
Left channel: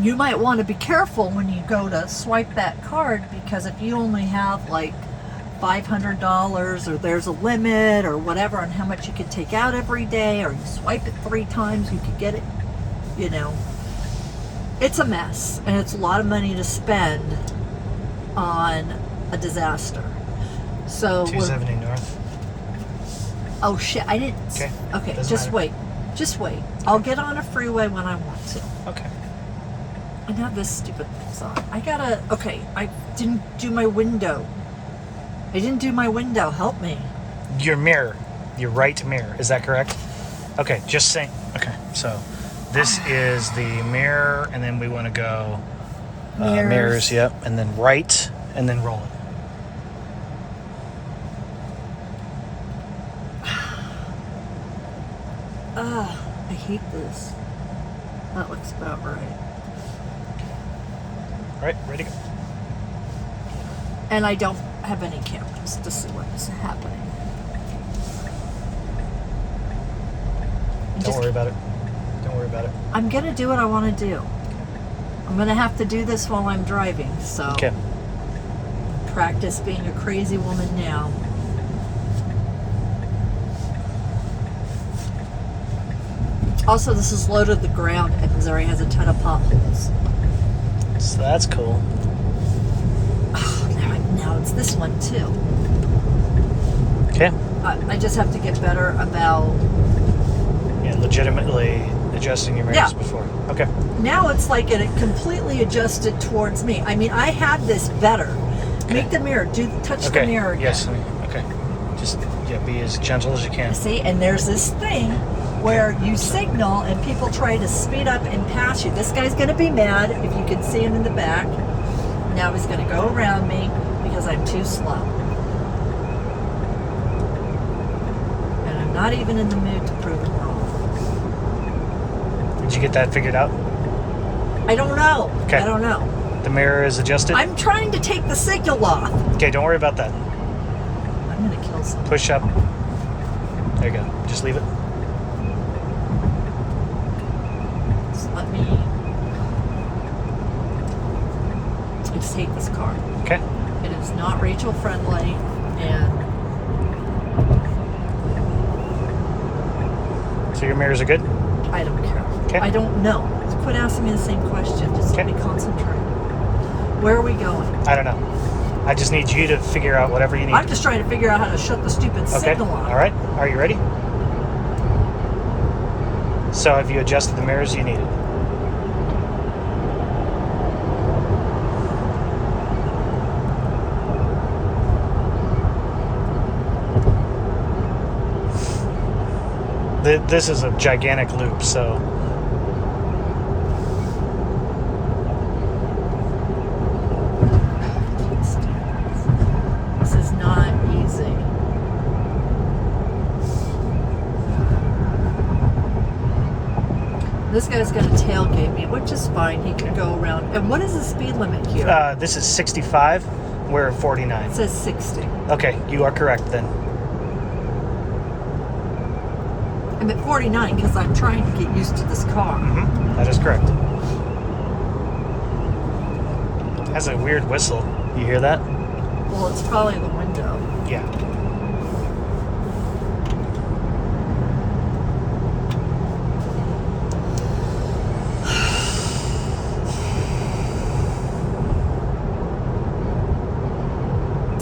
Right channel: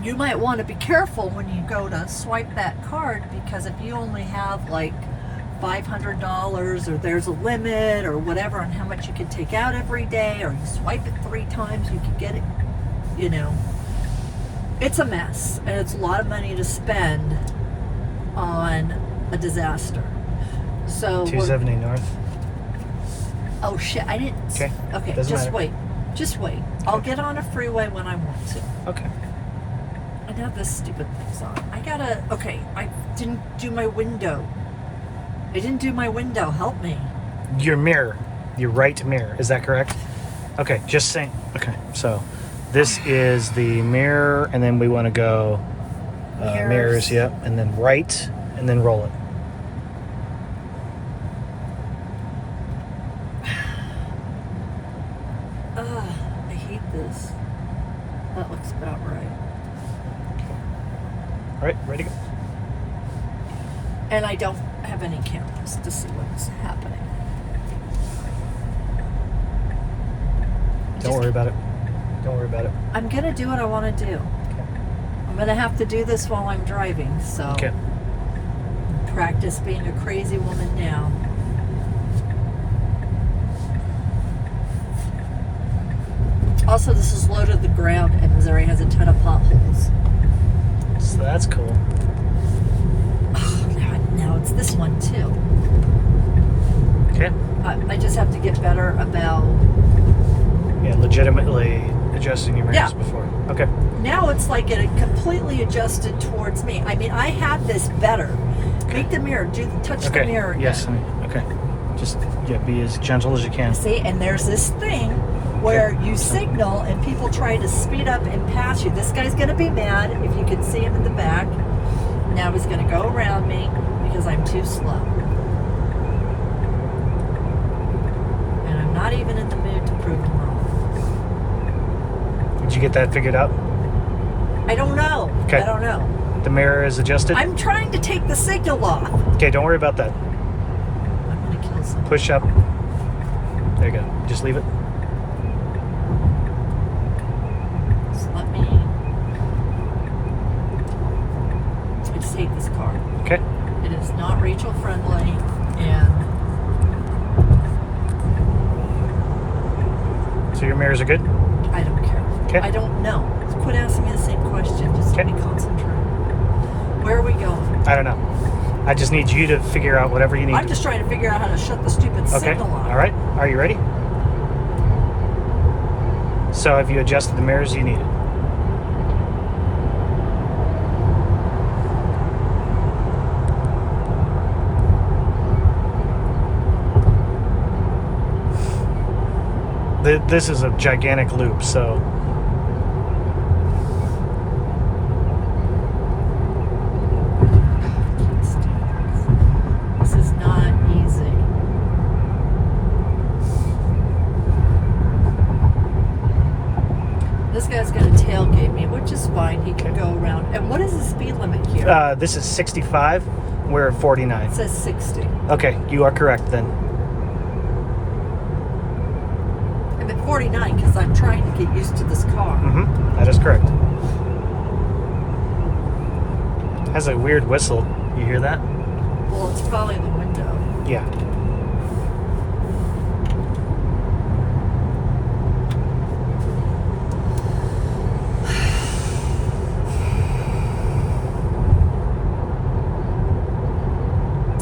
you might want to be careful when you go to swipe that card, because if you only have like $500 or there's a limit or whatever on how much you could take out every day, or you swipe it 3 times, you could get it, you know. It's a mess, and it's a lot of money to spend on a disaster. So 270 north. oh shit, I didn't. Okay. Okay, Doesn't just matter. wait. Just wait. I'll get on a freeway when I want to. Okay. I now this stupid thing's on. Okay, I didn't do my window. Help me. Your mirror, your right mirror. Is that correct? Okay, just saying. Okay, so this is the mirror, and then we want to go mirrors, yep, and then right, and then roll it. I hate this. That looks about right. Okay. All right, ready to go. And I don't have any cameras to see what's happening. Don't worry about it. Don't worry about it. I'm gonna do what I want to do. Okay. I'm gonna have to do this while I'm driving, so Okay. practice being a crazy woman now. Also, this is low to the ground, and Missouri has a ton of potholes. So that's cool. Oh, now it's this one too. Okay. I just have to get better about. Yeah, legitimately adjusting your mirrors before. Okay. Now it's like it completely adjusted towards me. I mean, I had this better. Okay. Make the mirror. Touch the mirror again. Yes, honey. Okay. Just be as gentle as you can. See, and there's this thing where you signal and people try to speed up and pass you. This guy's going to be mad if you can see him in the back. Now he's going to go around me because I'm too slow. And I'm not even in the mood to prove him wrong. Did you get that figured out? I don't know. Okay. I don't know. The mirror is adjusted? I'm trying to take the signal off. Okay, don't worry about that. I'm going to kill someone. Push up. There you go. Just leave it. Just let me. I just hate this car. Okay. It is not Rachel friendly, and So your mirrors are good? I don't care. Okay. I don't know. Quit asking me the same question. Just let me concentrate. Where are we going? I don't know. I just need you to figure out whatever you need. I'm just trying to figure out how to shut the stupid signal off. All right. Are you ready? So have you adjusted the mirrors you needed? This is a gigantic loop, so this is not easy. This guy's going to tailgate me, which is fine. He can go around. And what is the speed limit here? this is 65. We're at 49. It says 60. Okay, you are correct then. I'm at 49 because I'm trying to get used to this car. Mm-hmm. That is correct. Has a weird whistle. You hear that? Well, it's probably the window. Yeah.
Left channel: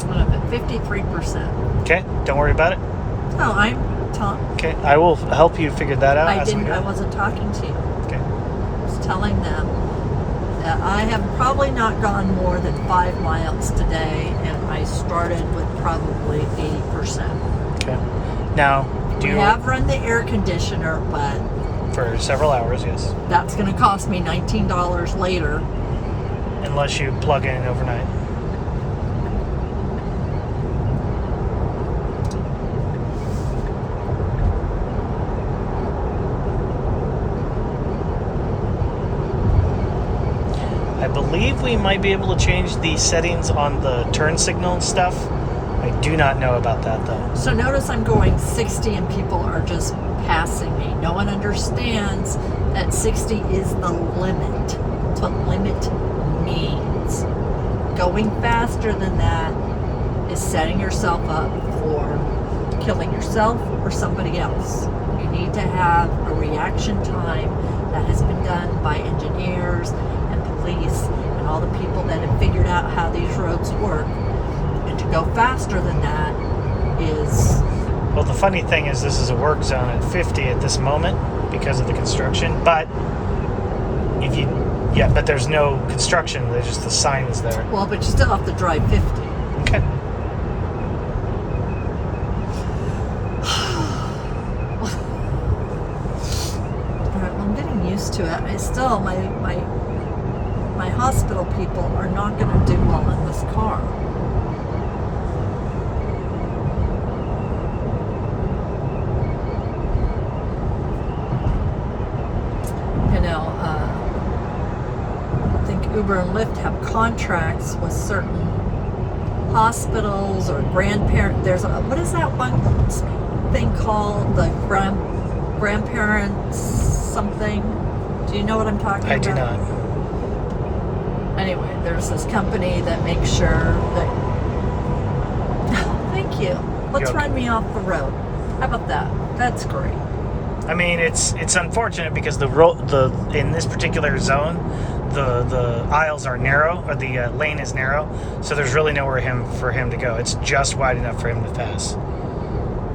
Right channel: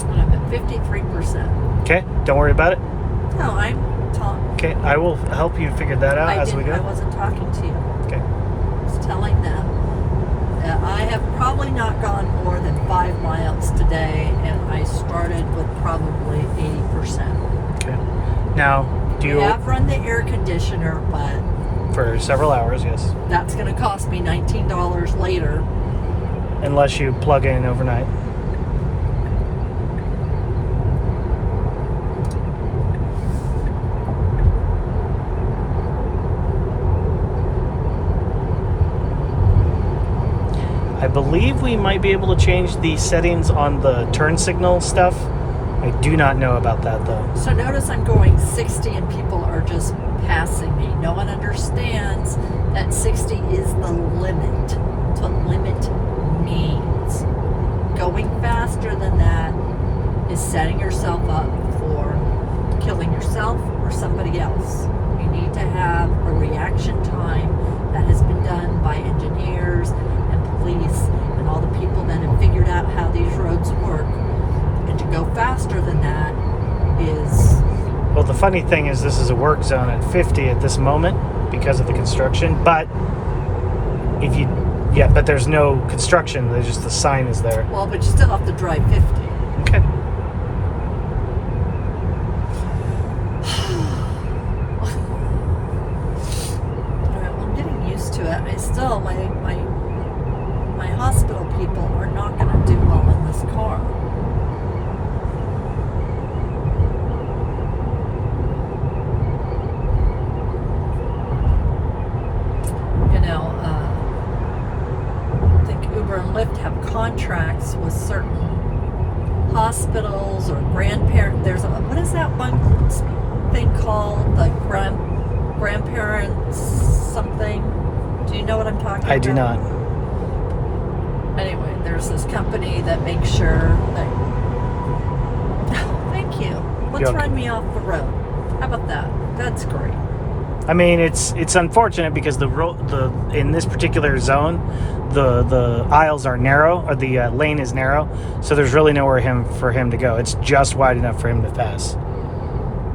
And I'm at 53%. Okay, don't worry about it. No, I'm talking. Okay, I will help you figure that out as we go. I wasn't talking to you. Okay. I was telling them that I have probably not gone more than 5 miles today, and I started with probably 80%. Okay. Now, do you I have run the air conditioner, but for several hours? Yes. that's going to cost me $19 later. Unless you plug in overnight. I believe we might be able to change the settings on the turn signal stuff. I do not know about that though. So notice I'm going 60 and people are just passing me. No one understands that 60 is the limit. That's what limit means. Going faster than that is setting yourself up for killing yourself or somebody else. You need to have a reaction time that has been done by engineers and police and all the people that have figured out how these roads work. And to go faster than that is... Well, the funny thing is this is a work zone at 50 at this moment because of the construction, but if you... Yeah, but there's no construction, there's just the sign is there. Well, but you still have to drive 50. Okay. tell my hospital people are not going to do well in this car. You know, I think Uber and Lyft have contracts with certain hospitals or grandparents. There's what is that one thing called? The grandparents something. Do you know what I'm talking about? I do not. Anyway, there's this company that makes sure that. Thank you. Let's You're run me off the road. How about that? That's great. I mean, it's unfortunate because the in this particular zone, the aisles are narrow, or the lane is narrow, so there's really nowhere for him to go. It's just wide enough for him to pass.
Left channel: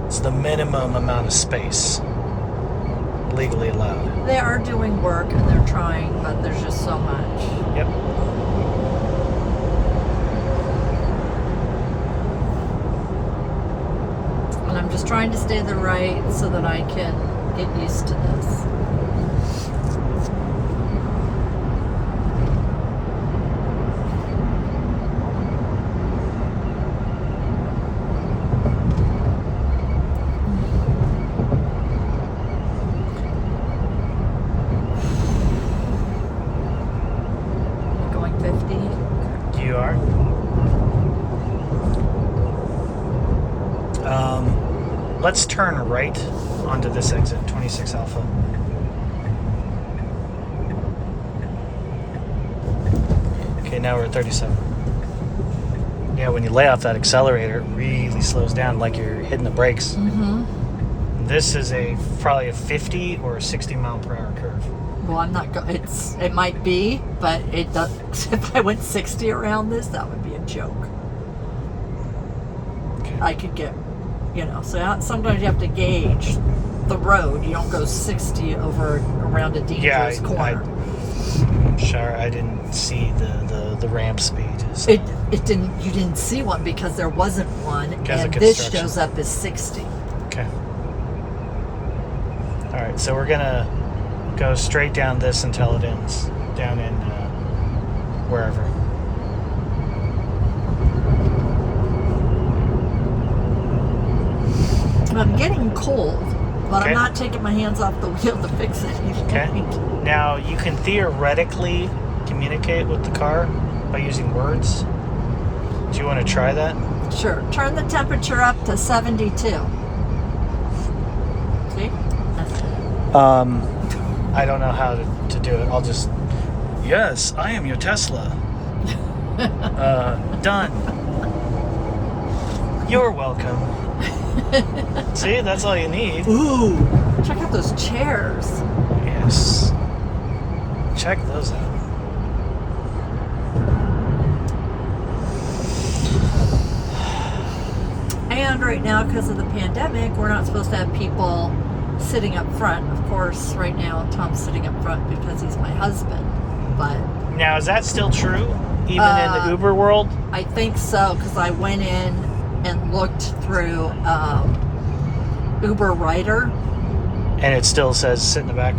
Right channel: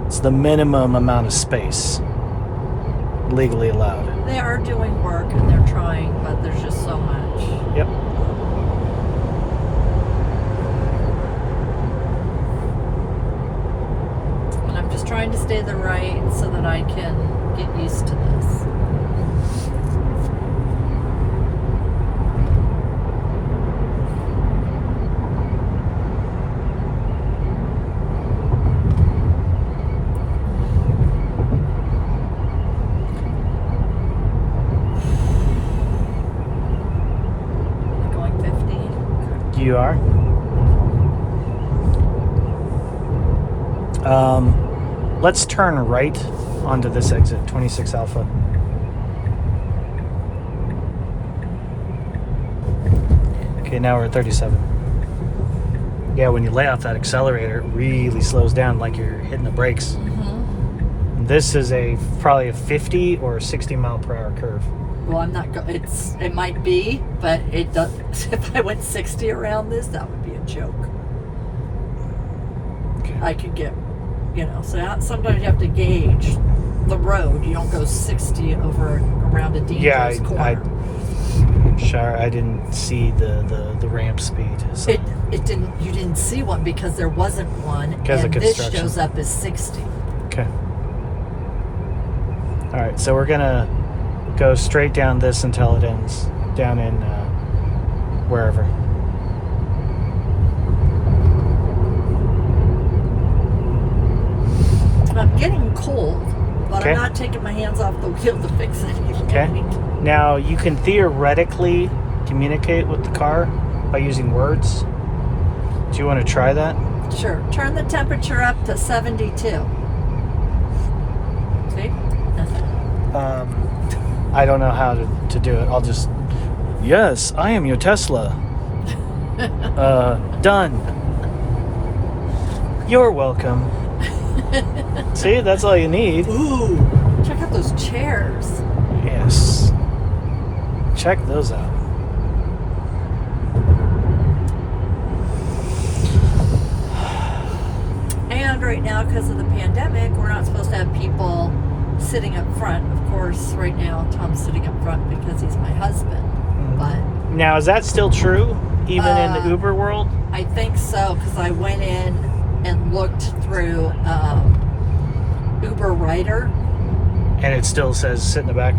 It's the minimum amount of space legally allowed. They are doing work and they're trying, but there's just so much. Yep. And I'm just trying to stay the right so that I can get used to this. Going 50. You are. Let's turn right onto this exit, 26 Alpha. Okay, now we're at 37. Yeah, when you lay off that accelerator, it really slows down like you're hitting the brakes. Mm-hmm. This is probably a 50 or 60 mile per hour curve. Well, I'm not going. It might be, but it does. If I went 60 around this, that would be a joke. Okay. I could get, so sometimes you have to gauge the road. You don't go 60 around a dangerous corner. Sure, I didn't see the ramp speed. So. It didn't. You didn't see one because there wasn't one, Because of and this construction. shows up as 60. Okay. All right, so we're gonna go straight down this until it ends down in wherever. I'm getting cold, but Okay. I'm not taking my hands off the wheel to fix it. Okay. Now you can theoretically communicate with the car by using words. Do you want to try that? Sure. Turn the temperature up to 72. See? That's it. I don't know how to do it. I'll just, yes, I am your Tesla. Done. You're welcome. See, that's all you need. Ooh, check out those chairs. Yes. Check those out. And right now, because of the pandemic, we're not supposed to have people sitting up front. Of course, right now, Tom's sitting up front because he's my husband. But Now, is that still true, even in the Uber world? I think so, because I went in and looked through Uber Rider. And it still says sit in the back.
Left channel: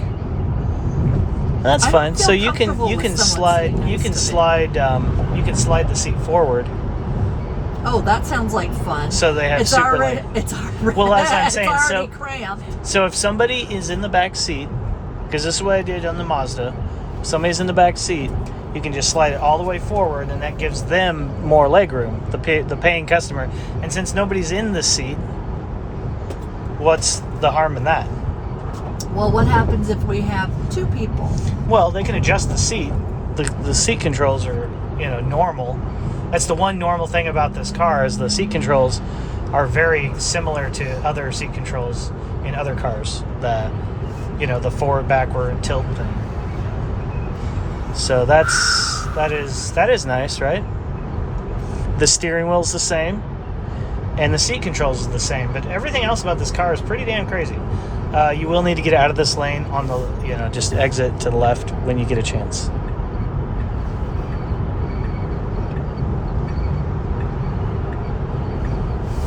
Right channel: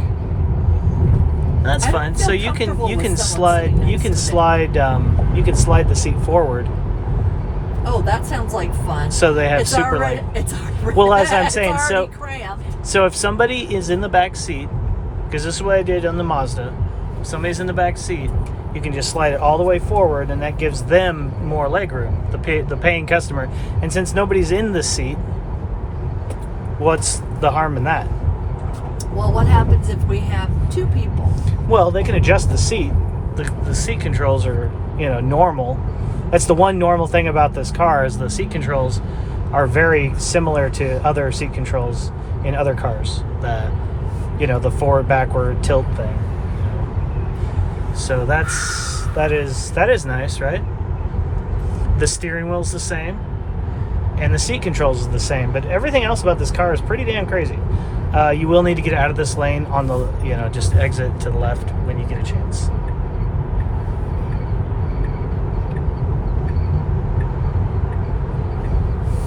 That's I fine. feel So you can comfortable with someone slide sitting you can next to me. slide the seat forward. Oh, that sounds like fun. So they have it's super already, light. It's already, Well, as I'm it's saying, already cramped. So if somebody is in the back seat, because this is what I did on the Mazda, if somebody's in the back seat, you can just slide it all the way forward, and that gives them more leg room, the paying customer. And since nobody's in the seat, what's the harm in that? Well, what happens if we have two people? Well, they can adjust the seat. The seat controls are, normal. That's the one normal thing about this car is the seat controls are very similar to other seat controls in other cars. The forward, backward, tilt thing. So that is nice, right? The steering wheel's the same, and the seat controls is the same. But everything else about this car is pretty damn crazy. You will need to get out of this lane on the, just exit to the left when you get a chance.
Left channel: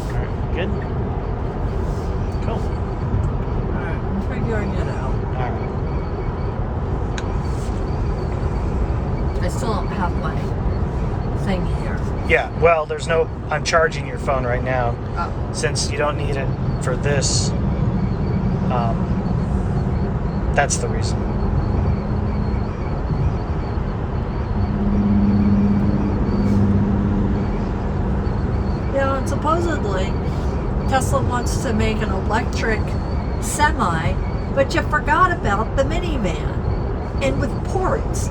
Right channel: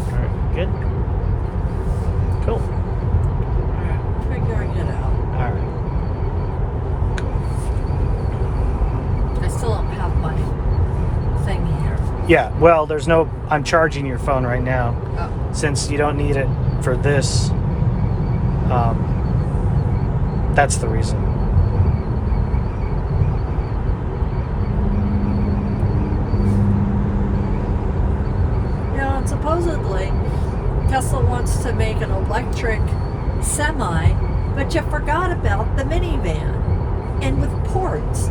All right, good. Cool. All right, I'm figuring it out. All right. Cool. Yeah, well, there's no... I'm charging your phone right now. Oh. Since you don't need it for this, that's the reason. Yeah, and supposedly Tesla wants to make an electric semi, but you forgot about the minivan, and with ports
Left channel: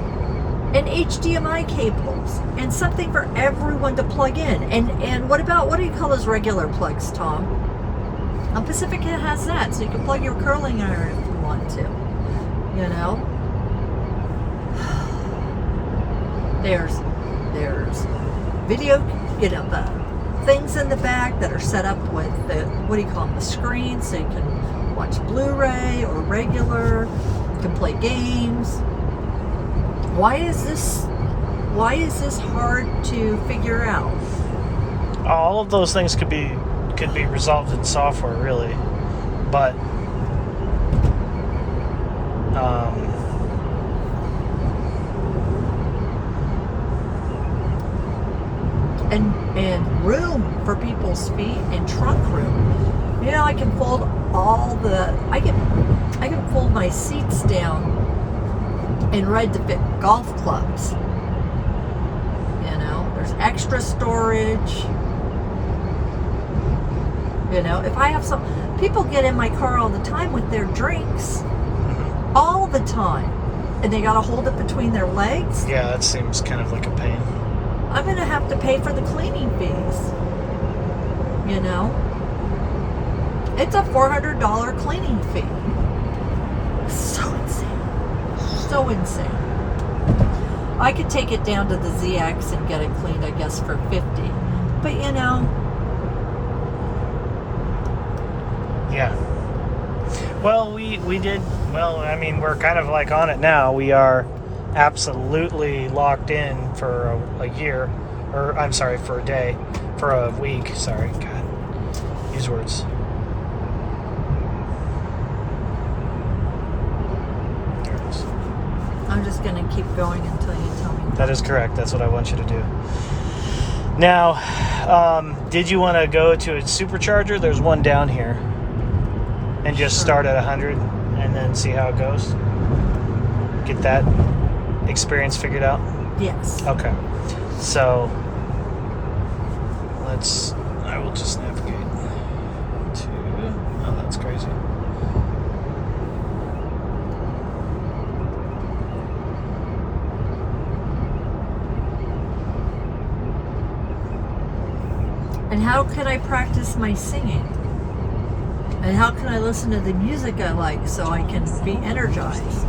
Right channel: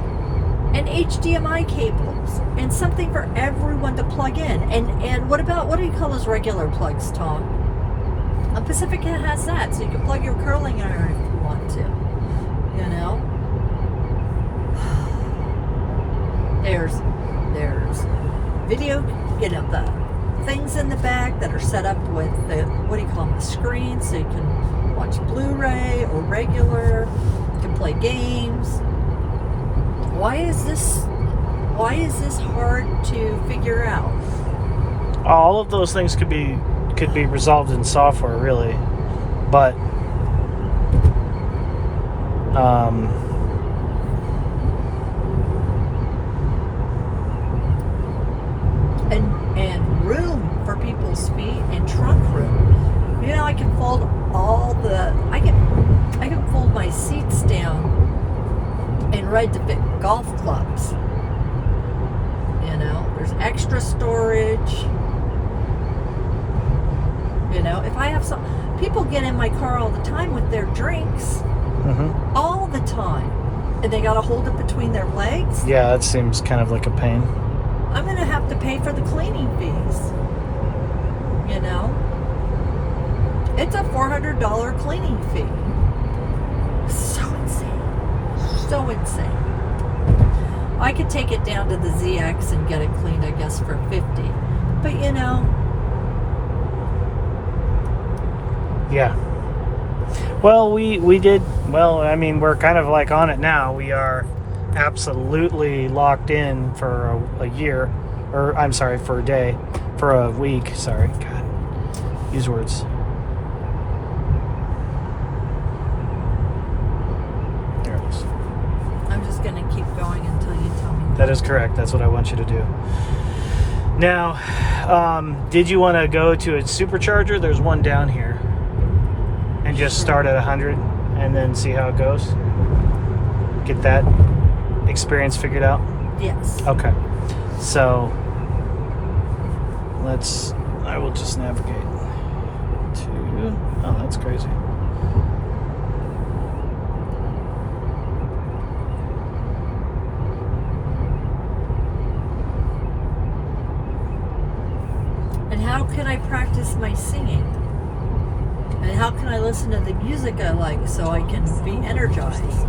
and HDMI cables and something for everyone to plug in. And what do you call those regular plugs, Tom? Pacifica has that, so you can plug your curling iron if you want to. You know, there's video, the things in the back that are set up with the, what do you call them, the screen, so you can watch Blu-ray or regular. You can play games. Why is this hard to figure out? All of those things could be resolved in software, really, but and room for people's feet and trunk room. You know, I can fold I can fold my seats down in red to fit golf clubs. You know, there's extra storage. You know, if I have people get in my car all the time with their drinks, all the time, and they got to hold it between their legs. Yeah, that seems kind of like a pain. I'm going to have to pay for the cleaning fees. You know, it's a $400 cleaning fee. So insane. So insane. I could take it down to the ZX and get it cleaned, I guess, for $50. But you know. Yeah. Well, we did, well, I mean, we're kind of like on it now. We are absolutely locked in for a year, or I'm sorry, for a day, for a week. Sorry, God, use words. There it is. I'm just going to keep going until you tell me. That is correct. That's what I want you to do. Now, did you want to go to a Supercharger? There's one down here. And just start at 100 and then see how it goes? Get that experience figured out? Yes. Okay. So, I will just navigate to, oh, that's crazy. And how can I practice my singing? And how can I listen to the music I like so I can be energized?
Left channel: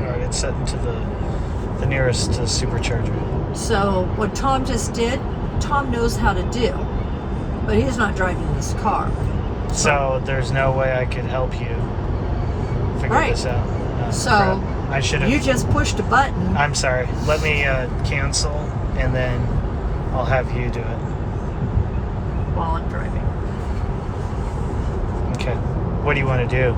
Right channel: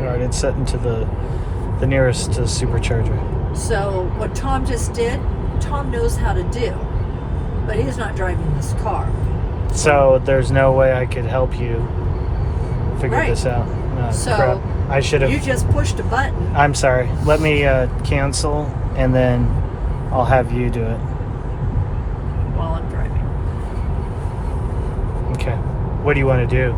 All right, it's set into the nearest Supercharger. So what Tom just did, Tom knows how to do, but he's not driving this car. So there's no way I could help you figure this out. No, so crap. I should have. You just pushed a button. I'm sorry. Let me cancel, and then I'll have you do it. While I'm driving. Okay. What do you want to do?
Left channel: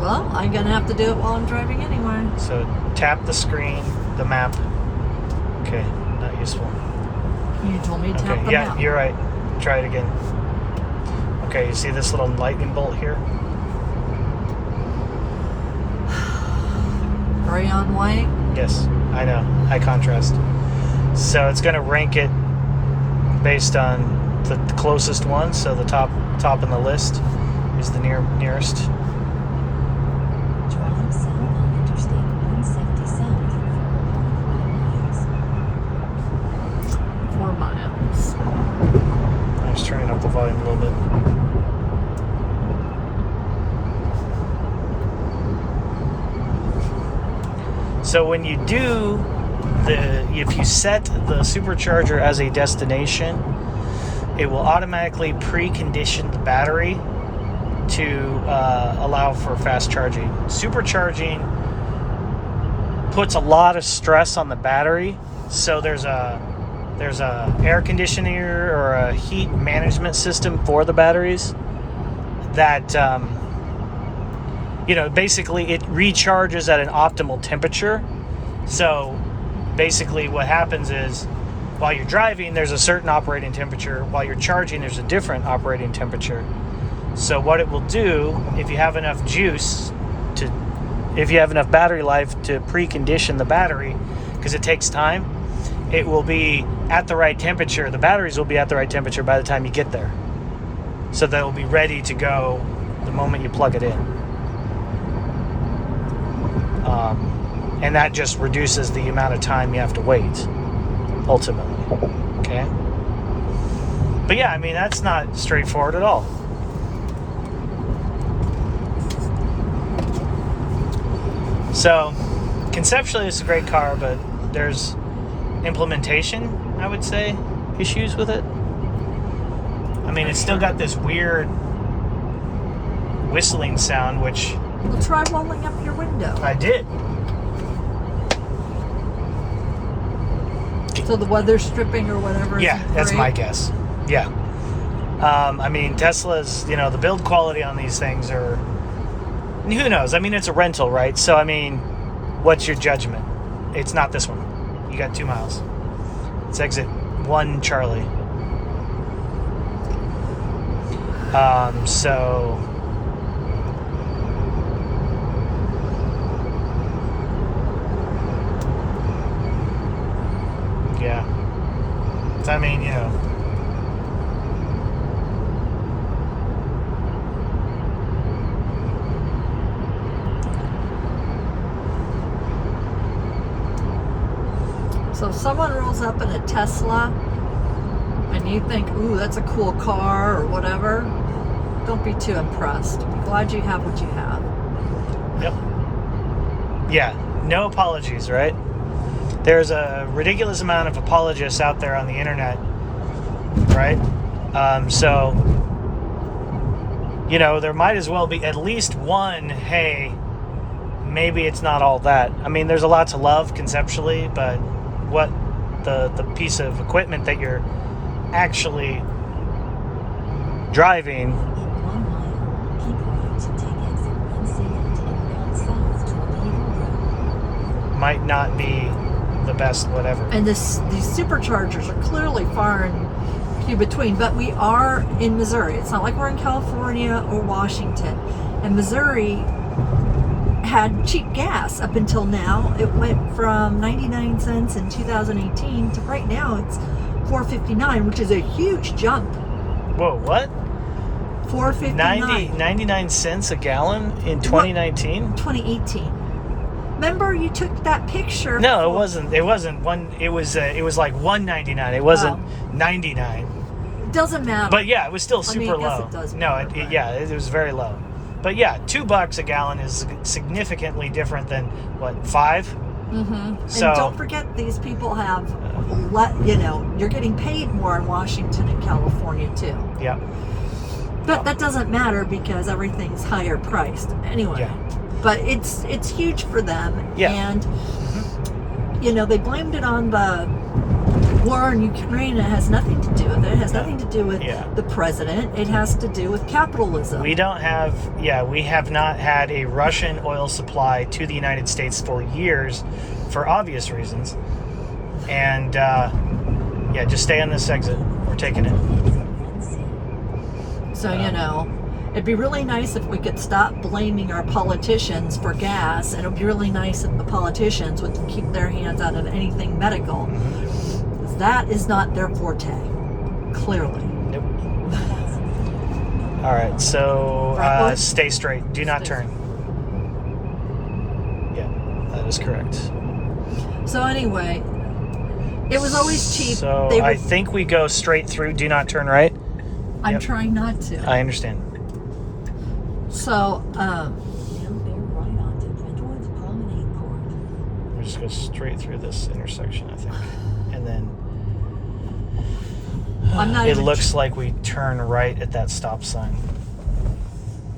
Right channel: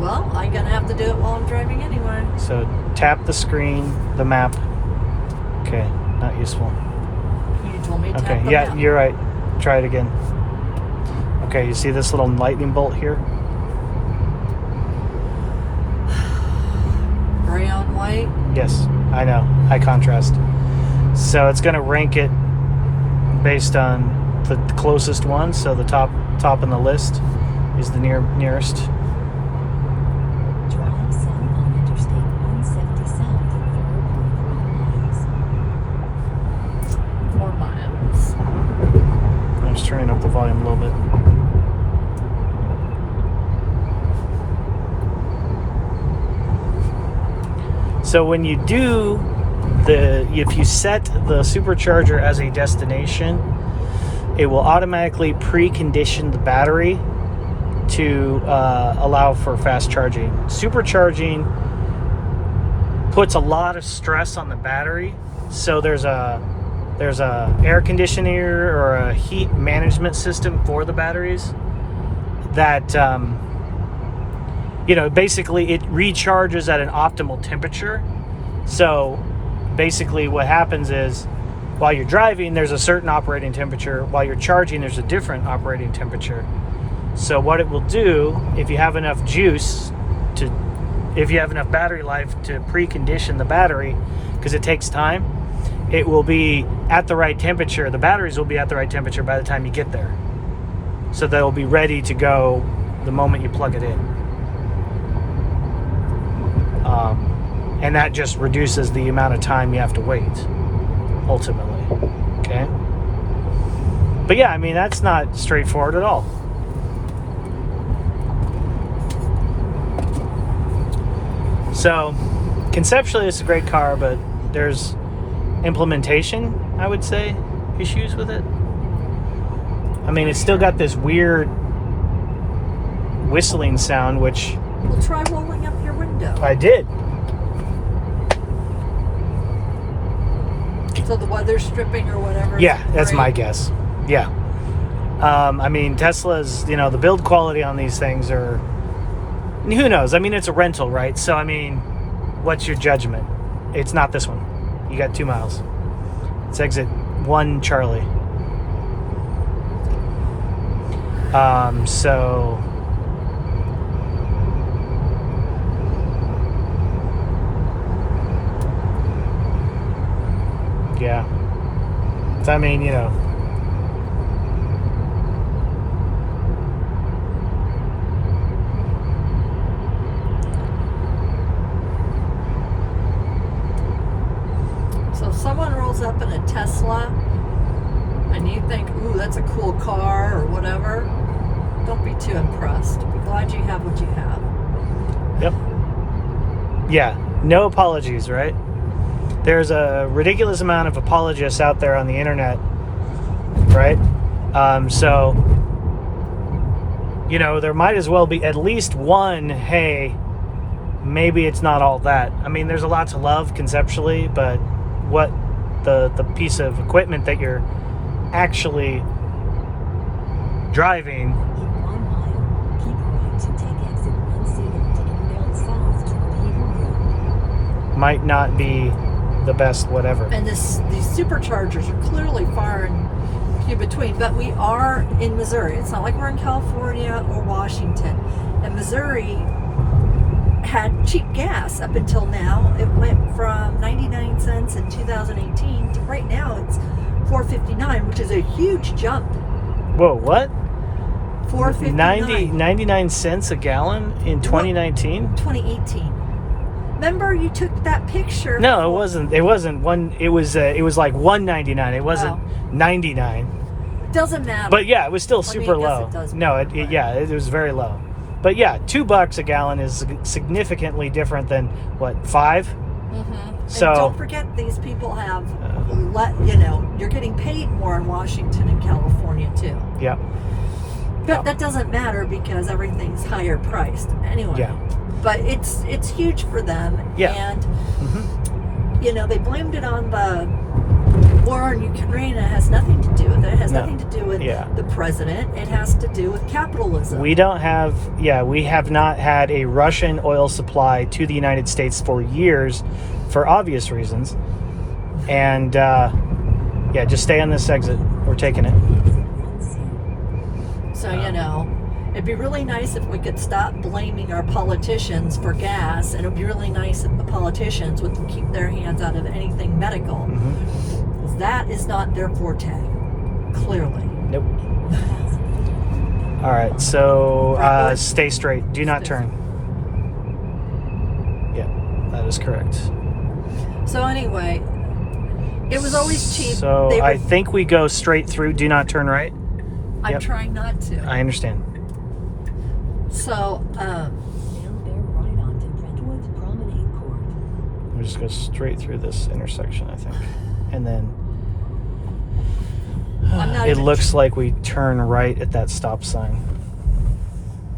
Well, I'm going to have to do it while I'm driving anyway. So tap the screen, the map. Okay, not useful. You told me to tap the yeah, map. you're right. Try it again. Okay, you see this little lightning bolt here? Gray on white? Yes, I know. High contrast. So it's going to rank it based on the closest one. So the top on the list is the nearest. Traveling south on Interstate 177 for 4 miles. 4 miles. I'm just turning up the volume a little bit. So when you do if you set the Supercharger as a destination, it will automatically precondition the battery to allow for fast charging. Supercharging puts a lot of stress on the battery, so there's a air conditioner or a heat management system for the batteries that basically it recharges at an optimal temperature. So basically what happens is while you're driving, there's a certain operating temperature. While you're charging, there's a different operating temperature. So what it will do, if you have enough if you have enough battery life to precondition the battery, because it takes time, it will be at the right temperature. The batteries will be at the right temperature by the time you get there. So they'll be ready to go the moment you plug it in. And that just reduces the amount of time you have to wait, ultimately. Okay? But yeah, I mean, that's not straightforward at all. So, conceptually, it's a great car, but there's implementation, I would say, issues with it. I mean, it's still got this weird whistling sound, which... Well, try rolling up your window. I did. So the weather's stripping or whatever. Yeah, that's right? my guess. Yeah. I mean, Tesla's, the build quality on these things are... And who knows? I mean, it's a rental, right? So, I mean, what's your judgment? It's not this one. You got 2 miles. It's exit 1 Charlie. So... Yeah. So, I mean, So if someone rolls up in a Tesla and you think, ooh, that's a cool car or whatever, don't be too impressed. Be glad you have what you have. Yep. Yeah. No apologies, right? There's a ridiculous amount of apologists out there on the internet, right? So, there might as well be at least one, hey, maybe it's not all that. I mean, there's a lot to love conceptually, but what the piece of equipment that you're actually driving... In 1 mile, keep right to take exit 1C onto inbound south toward Eagle Road. might not be the best whatever. And these superchargers are clearly far and few between, but we are in Missouri. It's not like we're in California or Washington. And Missouri had cheap gas up until now. It went from 99 cents in 2018 to right now it's $4.59, which is a huge jump. Whoa, what? $4.59. 99 cents a gallon in 2019? 2018. Remember you took that picture? No, it wasn't. It wasn't one. It was like $1.99. It wasn't 99. It doesn't matter. But yeah, it was still I super mean, I guess low. it does No, matter, but- it was very low. But yeah, $2 a gallon is significantly different than what, $5? Mm-hmm. So and don't forget, these people have, you're getting paid more in Washington and California too. Yeah. But that doesn't matter because everything's higher priced anyway. Yeah. But it's huge for them. Yeah. And they blamed it on the war in Ukraine. It has nothing to do with it. It has nothing to do with the president. It has to do with capitalism. We have not had a Russian oil supply to the United States for years for obvious reasons. And just stay on this exit. We're taking it. So, it'd be really nice if we could stop blaming our politicians for gas, and it'd be really nice if the politicians would keep their hands out of anything medical. Mm-hmm. That is not their forte, clearly. Nope. All right, so stay straight. Do not turn. Yeah, that is correct. So anyway, it was always cheap. So I think we go straight through. Do not turn right. I'm trying not to. I understand. So, Now bear right onto Brentwood's Promenade Court. We just go straight through this intersection, I think, and then it looks like we turn right at that stop sign.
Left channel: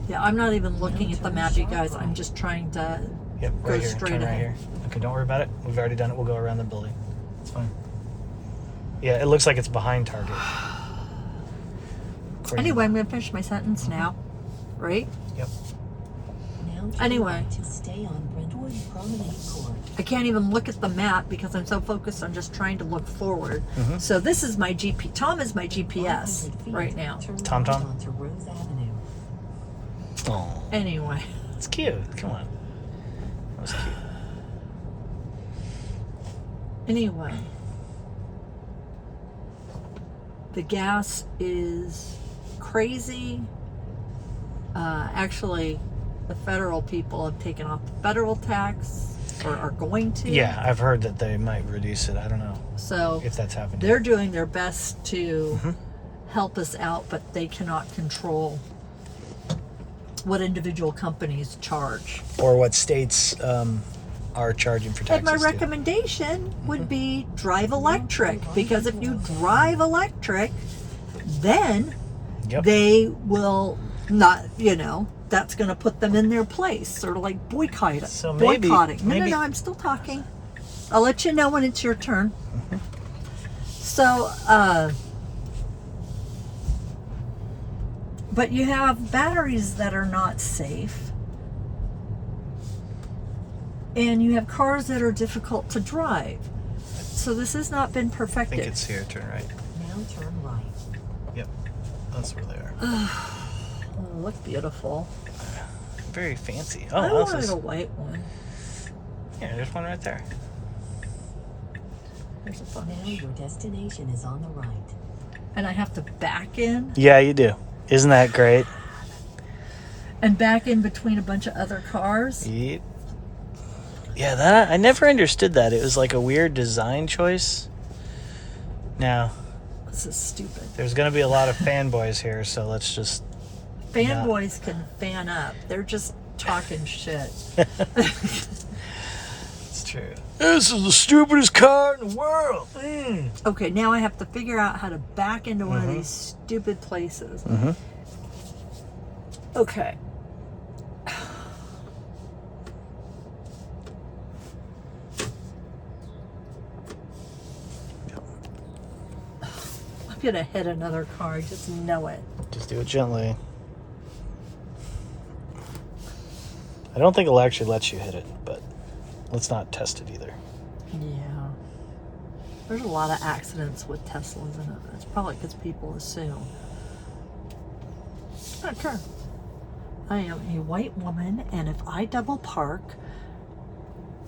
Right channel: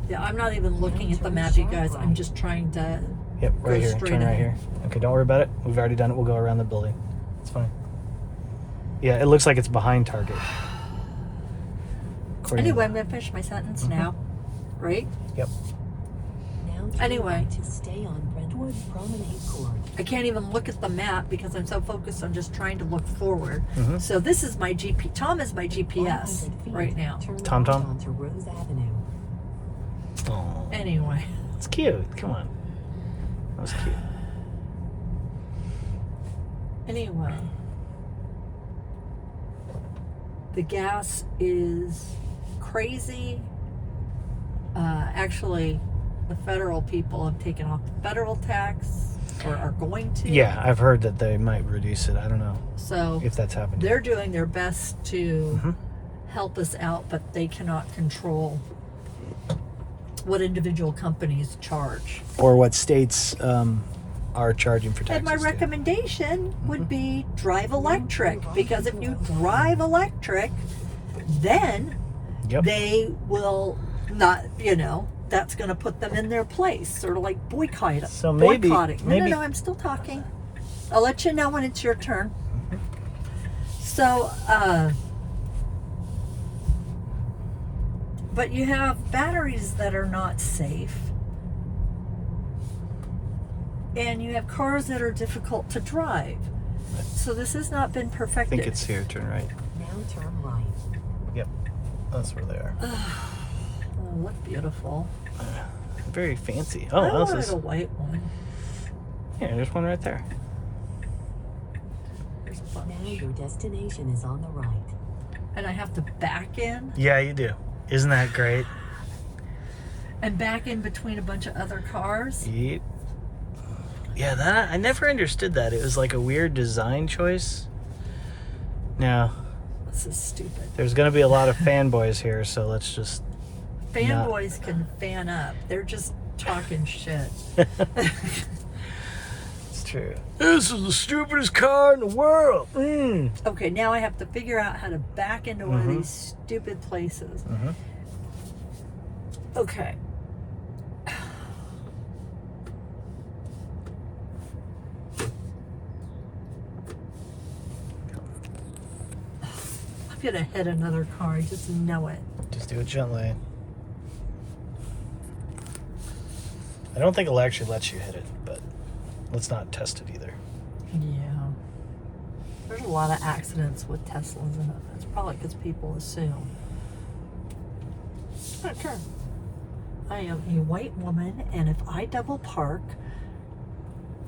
Yeah, I'm not even looking at the map, you guys. I'm just trying to. Yep, right here. straight Turn right ahead. here. Okay, don't worry about it. We've already done it. We'll go around the building. It's fine. Yeah, it looks like it's behind Target. Anyway, I'm gonna finish my sentence now, right? Yep. Now Anyway. to stay on Brentwood Promenade Court. I can't even look at the map because I'm so focused on just trying to look forward. Mhm. So this is my GP. Tom is my GPS 100 feet, right now. turn Tom right Tom? onto Rose Avenue. Oh, Anyway, it's cute. Come on. That was cute. anyway. The gas is crazy. Actually, the federal people have taken off the federal tax, or are going to. Yeah, I've heard that they might reduce it. I don't know So if that's happened. they're doing their best to Mhm. help us out, but they cannot control what individual companies charge. Or what states are charging for And taxes. my too. recommendation would be drive electric, because if you drive electric, then Yep. they will not, that's going to put them in their place, sort of like boycotting. So boycotting. maybe- No, I'm still talking. I'll let you know when it's your turn. So, but you have batteries that are not safe. And you have cars that are difficult to drive. So this has not been I perfected. think it's here. Turn right. Now turn right. Yep. That's where they are. Oh, look beautiful. Very fancy. I Oh, this wanted is. a white one. Yeah, there's one right there. There's a bunch. Now your destination is on the right. And I have to back in Yeah, you do. Isn't that great? and back in between a bunch of other cars. Yep. Yeah, that I never understood that. It was like a weird design choice. Now, This is stupid. there's going to be a lot of fanboys here, so let's just. Fanboys can fan up. They're just talking shit. It's true. This is the stupidest car in the world. Okay, now I have to figure out how to back into one of these stupid places. Mhm. Okay. I'm gonna hit another car. I just know it. Just do it gently. I don't think it'll actually let you hit it, but let's not test it either. Yeah. There's a lot of accidents with Teslas in it. It's probably because people assume. Okay. I am a white woman, and if I double park,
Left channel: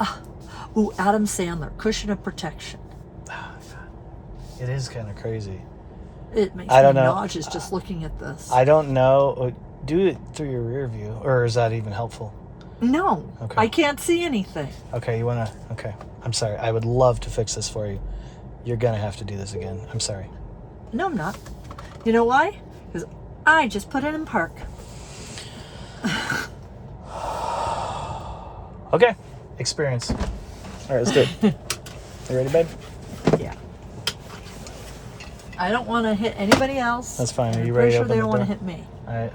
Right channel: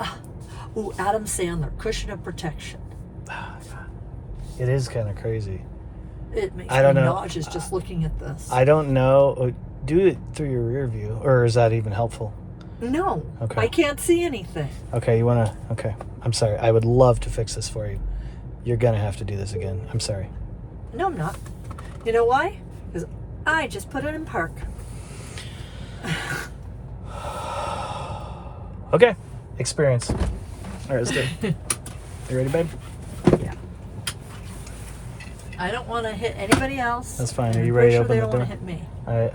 Adam Sandler, cushion of protection. It is kind of crazy. It makes I don't me know. nauseous just looking at this. I don't know. Do it through your rear view, or is that even helpful? No, Okay. I can't see anything. Okay, you want to? Okay. I'm sorry. I would love to fix this for you. You're going to have to do this again. I'm sorry. No, I'm not. You know why? Because I just put it in park. Okay. Experience. All right, let's do it. You ready, babe? Yeah. I don't want to hit anybody else. That's fine. Are I'm you pretty ready to sure open they the don't want door? to hit me.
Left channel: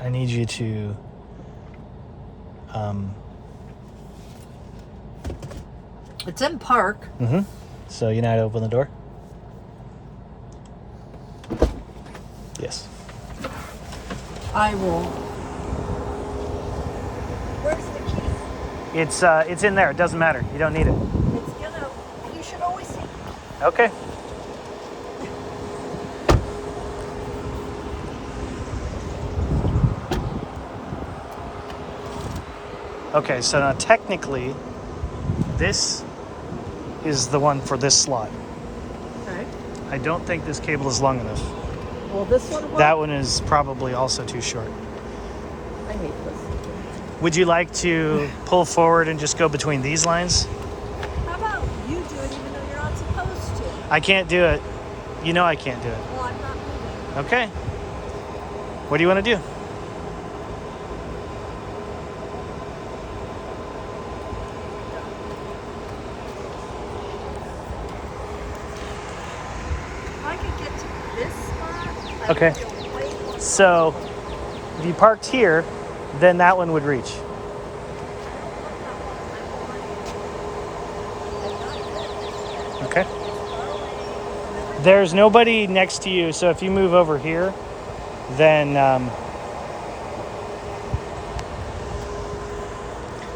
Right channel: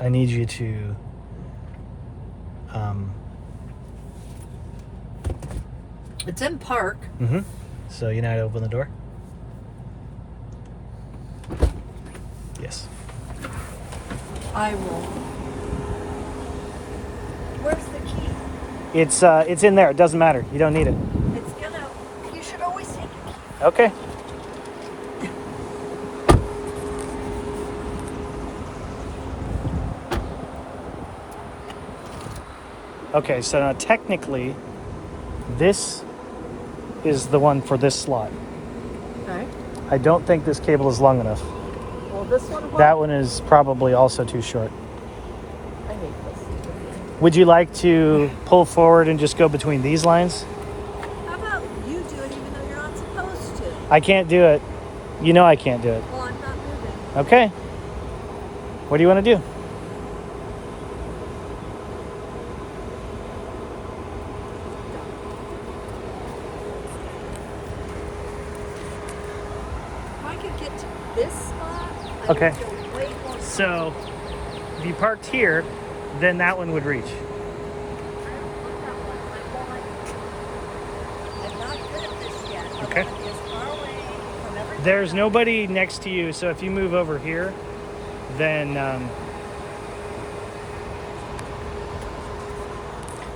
I need you to It's in park. so you know how to open the door? Yes. I will. Where's the key? It's in there. It doesn't matter. You don't need it. It's gonna. You should always take. Okay. Okay, so now technically, this is the one for this slot. Okay. I don't think this cable is long enough. Well, this one. That one is probably also too short. I hate this. Would you like to pull forward and just go between these lines? How about you do it even though you're not supposed to? I can't do it. You know I can't do it. Well, I'm not moving. Okay. What do you want to do? If I could get to this spot, I Okay. would feel way more So, if you parked here, then that one would reach. I don't want that one. I'm not good at this yet. Okay. I want to be as far away from everything. There's nobody next to you, so if you move over here, then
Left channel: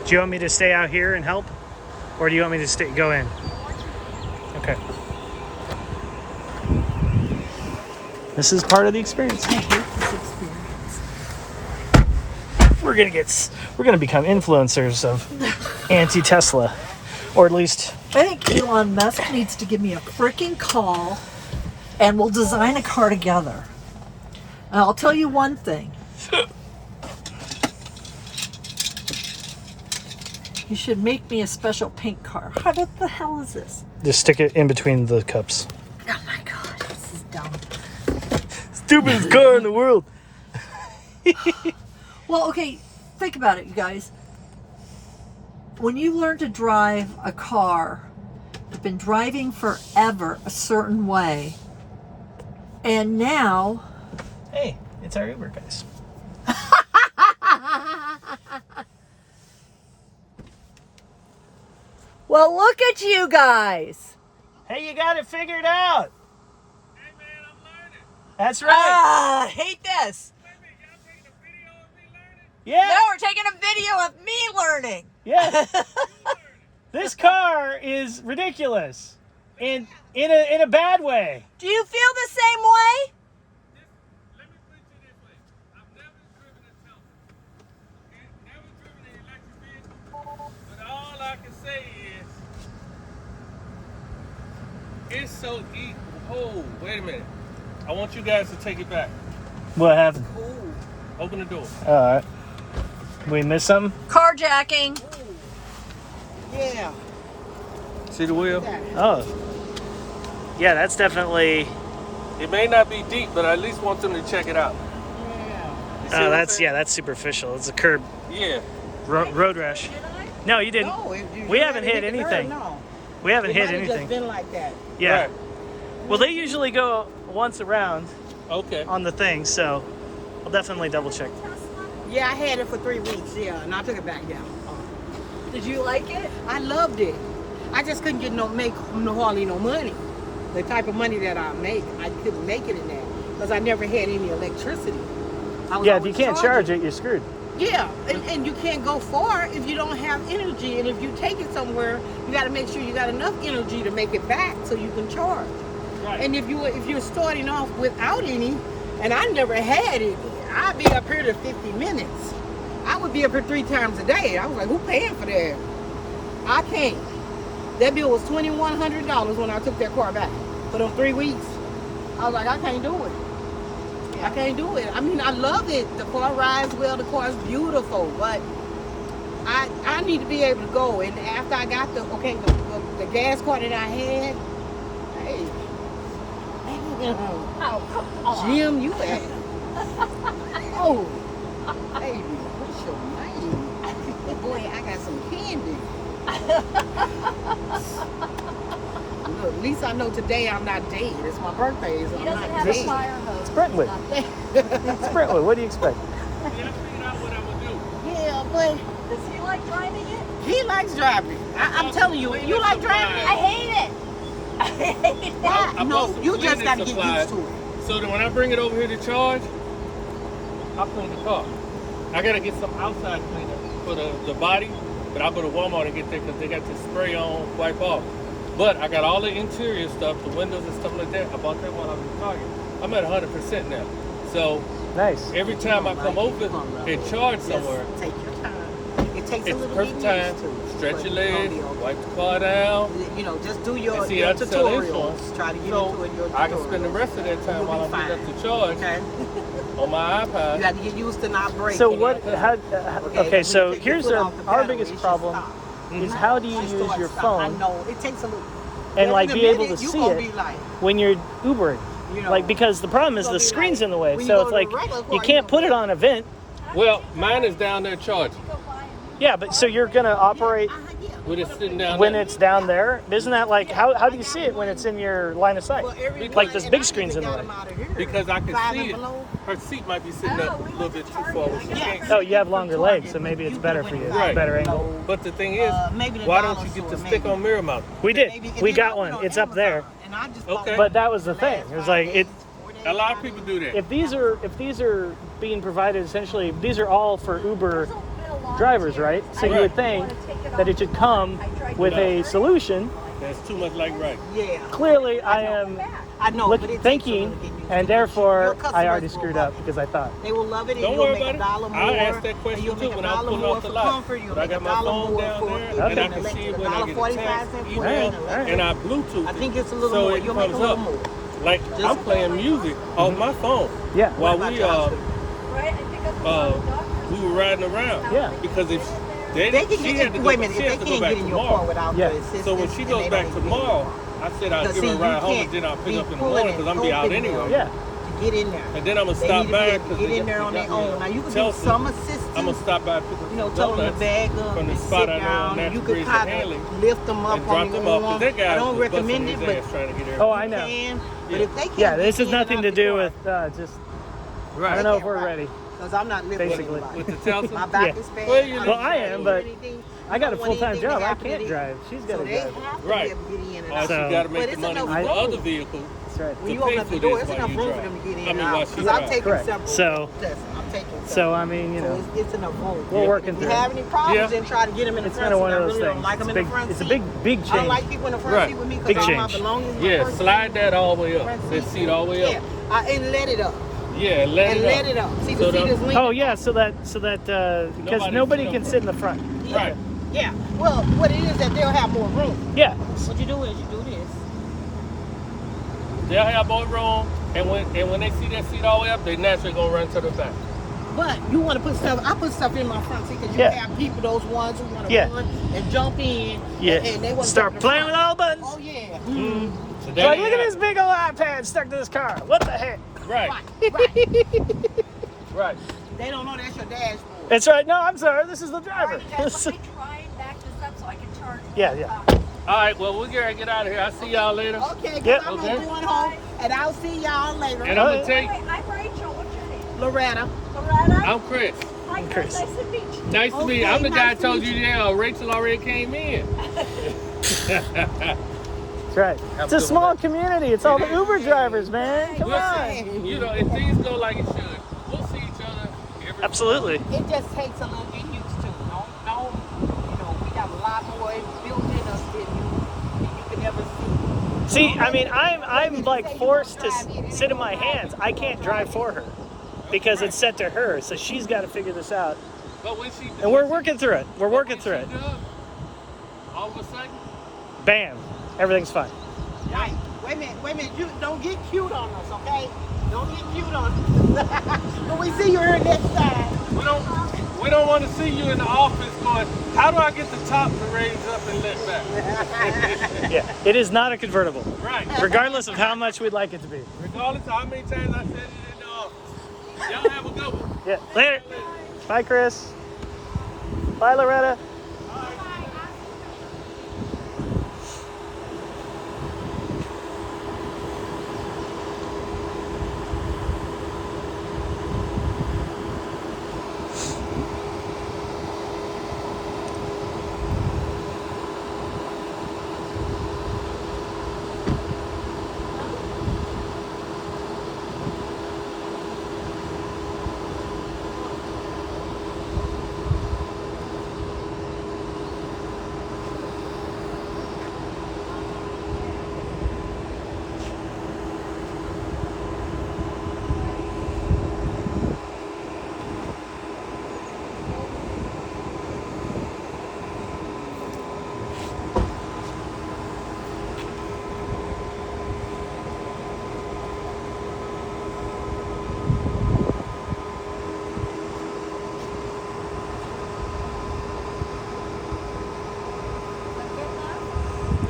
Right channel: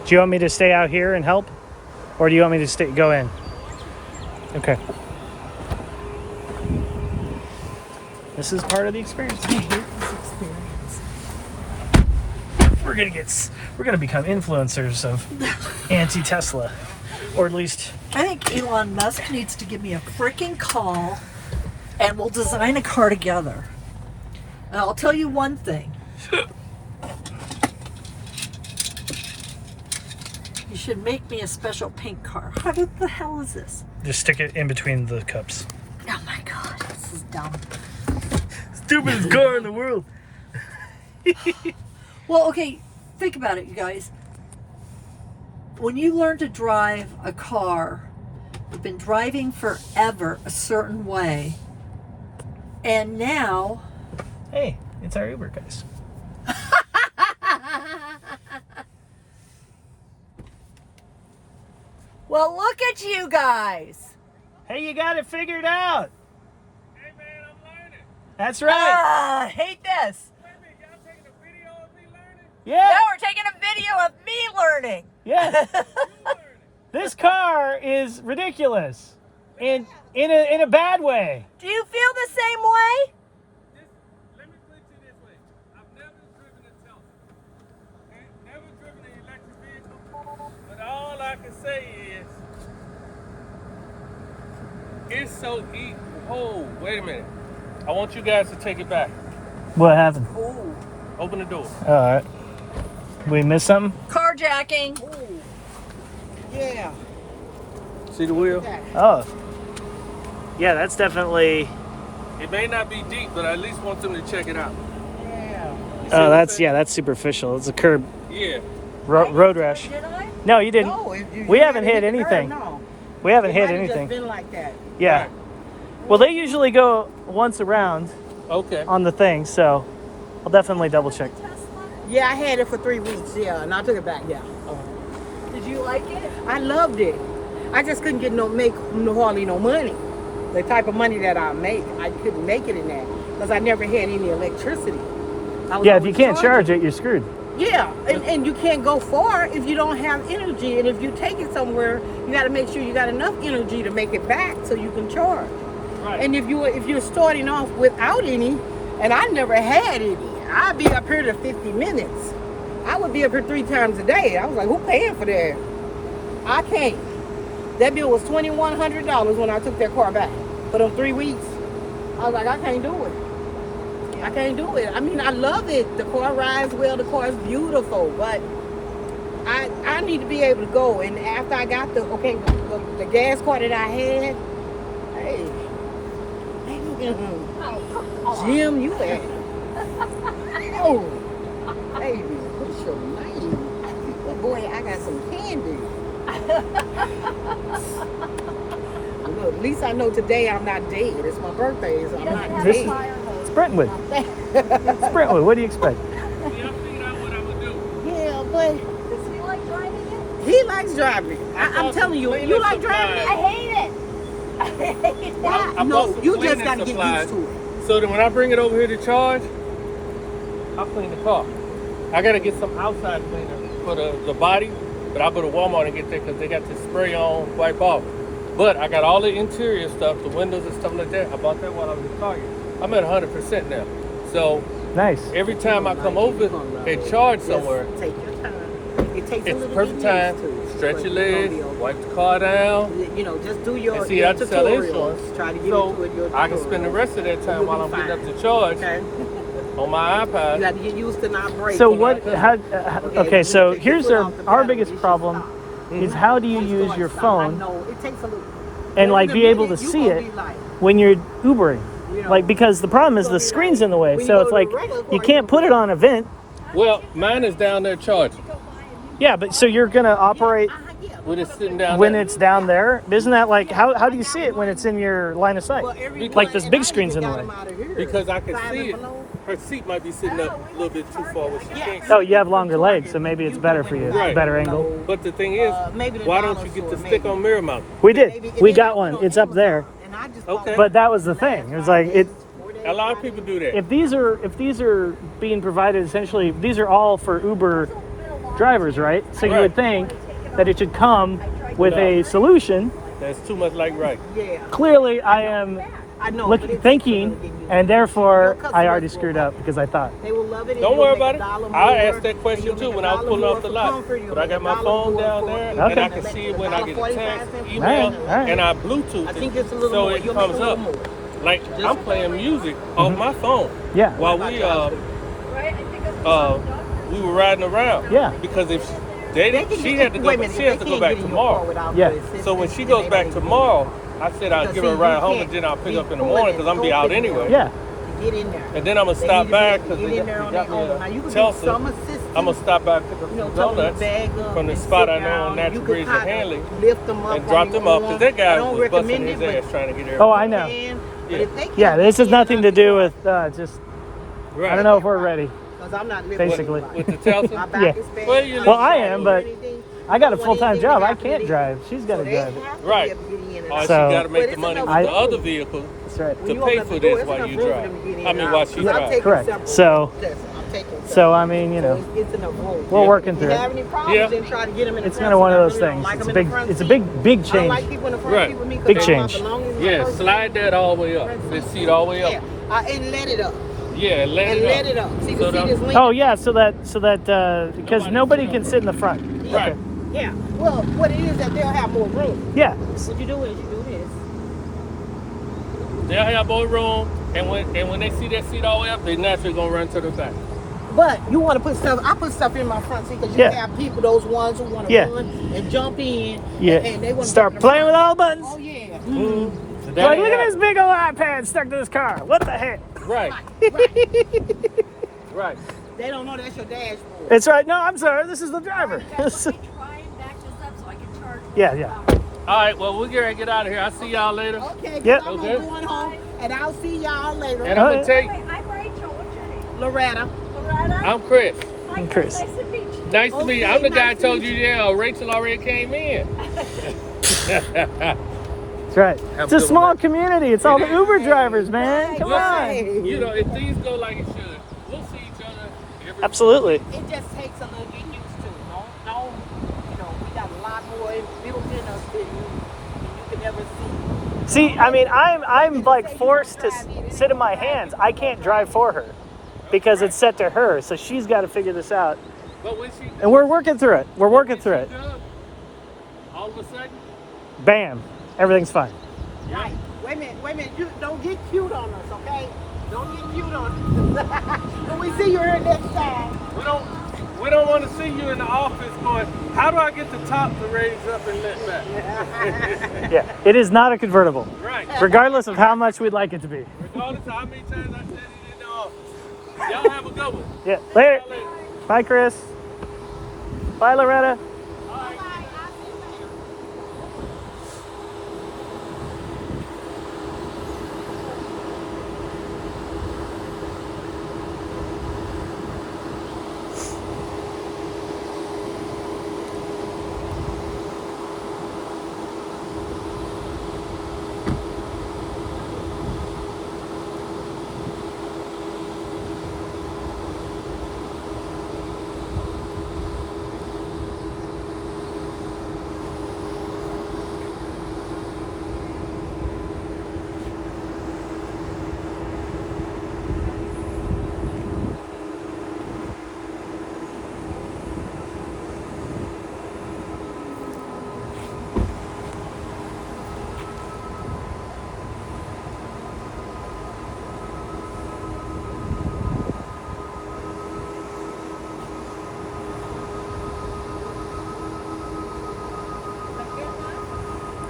do you want me to stay out here and help? Or do you want me to go in? I want you to. Okay. This is part of the experience. I hate this experience. We're gonna become influencers of anti-Tesla, or at least. I think Elon Musk needs to give me a freaking call, and we'll design a car together. And I'll tell you one thing. You should make me a special pink car. How the hell is this? Just stick it in between the cups. Oh my god, this is dumb. Stupidest car in the world. Well, okay, think about it, you guys. When you learn to drive a car, you've been driving forever a certain way, and now... Hey, it's our Uber guys. Well, look at you guys. Hey, you got it figured out. Hey man, I'm learning. That's right. Ah, I hate this. Wait a minute, y'all taking a video of me learning? Yeah. Now we're taking a video of me learning. Yeah. You learning? This car is ridiculous. In a bad way. Do you feel the same way? Let me put it this way. I've never driven a Tesla. Okay? Never driven an electric vehicle. But all I can say is, it's so easy. Oh, wait a minute. I want you guys to take it back. What happened? Ooh. Open the door. All right. We missed something? Carjacking. Yeah. See the wheel? Oh. Yeah, that's definitely. It may not be deep, but I at least want them to check it out. You see what Oh, I'm that's saying? that's superficial. It's a curb Yeah. road rash. Did I? No, you didn't. No, We haven't hit anything. No. We haven't It hit might have just anything. been like that. Yeah. Right. Well, they usually go once around Okay. on the thing, so I'll definitely double check. Yeah, I had it for 3 weeks. Yeah, and I took it back. Yeah, Did you like it? I loved it. I just couldn't get hardly no money. The type of money that I make, I couldn't make it in that because I never had any electricity. I was Yeah, if you always can't charge charging. it, you're screwed. Yeah, and you can't go far if you don't have energy. And if you take it somewhere, you got to make sure you got enough energy to make it back so you can charge. Right. And if you're starting off without any, and I never had any, I'd be up here to 50 minutes. I would be up here 3 times a day. I was like, who paying for that? I can't. That bill was $2,100 when I took that car back for those 3 weeks. I was like, I can't do it. I can't do it. I mean, I love it. The car rides well. The car is beautiful, but I need to be able to go. And after I got the gas car that I had, hey, Jim, you at? Oh, baby, what's your name? Hey, boy, I got some candy. Look, at least I know today I'm not dead. It's my birthday, so I'm not dead. It's Brentwood. It's Brentwood. What do you expect? Yeah, I figured out what I'm gonna do. Yeah, but Does he like driving it? he likes driving. I'm telling you, you like driving I it? hate it. I hate it. Why? I No, bought some you just cleaning got to get supplies. used to it. So that when I bring it over here to charge, I'll clean the car. I gotta get some outside cleaner for the body, but I'll go to Walmart and get that because they got this spray on wipe off. But I got all the interior stuff, the windows and stuff like that. I bought that while I was in Target. I'm at 100% now. So Nice. every time I come over and charge somewhere, Just take your time. It takes a it's little perfect bit time. used to. Stretch your But legs, it's gonna be wipe the car down. okay. You know, just do your, And see, your I can sell tutorials. insurance. Try to get So into it, your I can spend the tutorials. rest of that time You'll while I'm be getting up fine. to charge Okay. on my iPad. You got to get used to not breaking. So what? How? Okay, so take your here's foot off the our pedal. biggest It's just problem stop. is how do you Just use like your stop. I phone know it takes a little. and But like in a be able to minute, you see gonna it be like, when you're Ubering? you know, Like because the problem is gonna the be screen's like- in the way, when you so go it's to like the regular you car, can't put it on event. Well, mine is down there charging. Yeah, but so you're gonna operate yeah. When it's sitting down when there. it's down there. Isn't that like how do you see it when it's in your line of sight? Well, every Like one- this and big I screen's in even the got way. 'em out of here. Because I can Five see it. and below. Her seat might be sitting up a little bit too far where she can't see. Oh, you have longer legs, so maybe it's better for you. It's a Right. better angle. But the thing is, Maybe the why dollar don't you get store, the stick maybe. on mirror mount? We Maybe- did. and We then got I one. put on It's up there. Amazon, and I just bought Okay. But that was the thing. It was like it. A lot of people do that. If these are being provided, essentially, these are all for Uber drivers, right? So you would Right. think that it should come with No. a solution. That's too much like right. Yeah. Clearly, I am I know, but it takes thinking, a little and therefore Your customers I already will screwed love up it. because I thought. They will love it. and Don't you'll worry make about a it. dollar I more, asked that and question you'll too make when a I was dollar pulling more off the for lot. comfort, you'll But I make got a my dollar phone more down for there, if and I you can make see a it when I get a $1.45 text, for email, Alright. and I Bluetooth I think it, just a little so more. it You'll make comes a little up. more. Like I'm playing music off my phone Yeah. while we were riding around. Yeah. Because if she had to go, she has to go back tomorrow. Yeah. So when she goes back tomorrow, I said I'll give her a ride home, and then I'll pick up in the morning because I'm gonna be out anyway. Yeah. To get in there. And then I'm gonna They stop need to back be able because to they get in there got on me their own. Now, you a can do Chelsea. some assistance. I'm gonna stop by and pick up You know, some tuck 'em in donuts the bag up, from the just spot sit I know down, on Natural you can Breeze and kinda Hanley lift them up and on drop your them off because own. that guy I don't was busting recommend his it, ass trying to get there. Oh, I know. but if they Yeah, can't this has get nothing to do with just. Right. I don't know if we're ready. Because I'm not living Basically. With the Telsa? My back Yeah. is bad. Well, you Well, I live am, right but Anything, I got a you don't want full-time anything job. to I happen to can't them. drive. She's got to So they drive it. have to Right. be able to get in and Oh, out. she So- got to make But the it's money with enough the room. other vehicle That's right. When to you pay open up for the door, this it's while enough you room for drive. them to get in I and mean, out. while she 'Cause I've drives. taken Correct. several So- tests. I'm taking So several. I mean, you know, It's enough room. we're Yeah. working If through you it. have any problems, Yeah. then try to get them in the It's front kind of one seat. of I those really don't things. like It's them a in big. the front It's a seat. big I don't change. like people in the front Right. seat with me. 'Cause Big they change. belong in the Yeah, front slide seat. that all the way up. This seat all the way Yeah, up. and let it up. Yeah, let And it let up. it up. See So the seat the- is linked. Oh yeah, so that because nobody can sit in the front. Right. Yeah. Well, what it is that they'll have more room. Yeah. What you do is you do this. They'll have more room, and when they see that seat all the way up, they naturally gonna run to the back. But you want to put stuff. I put stuff in my front seat because you Yeah. have people, those ones who want to Yeah. run and jump in. Yeah. And they want to Start playing with all the buttons. Oh yeah. Mm-hmm. Hey, look at this big old iPad stuck to this car. What the heck? Right, Right. right. They don't know that's your dashboard. It's right. No, I'm sorry. This is the driver. Yeah, yeah. All right, well, we're going to get out of here. I'll see y'all later. Okay, because Yep. I'm Okay. going home, and I'll see y'all later. And I'm going to tell you, Loretta. I'm Chris. And Chris. Nice to meet you. I'm the Okay, guy nice that told to you, yeah, Rachel already came in. That's right. It's a small community. It's all the Uber drivers, man. Come on. Listen, you know, if things go like it should, we'll see each other. Absolutely. It just takes a little getting used to. No, we got a lot more built in us than you can ever see. See, I mean, I'm like forced to sit in my hands. I can't drive for her because it's set to her. So she's got to figure this out. But when she, And we're working through it. We're working through it. all of a sudden, Bam. Everything's fine. Right. Wait a minute. You don't get cute on us, okay? Don't get cute on us. When we see you here next time. we don't want to see you in the office going, how do I get the top to raise up and lift back? Yeah. It is not a convertible, Right. regardless of how much we'd like it to be. Regardless of how many times I said it in the office. Y'all have a good one. Yeah. Later. Bye, Chris. Bye, Loretta.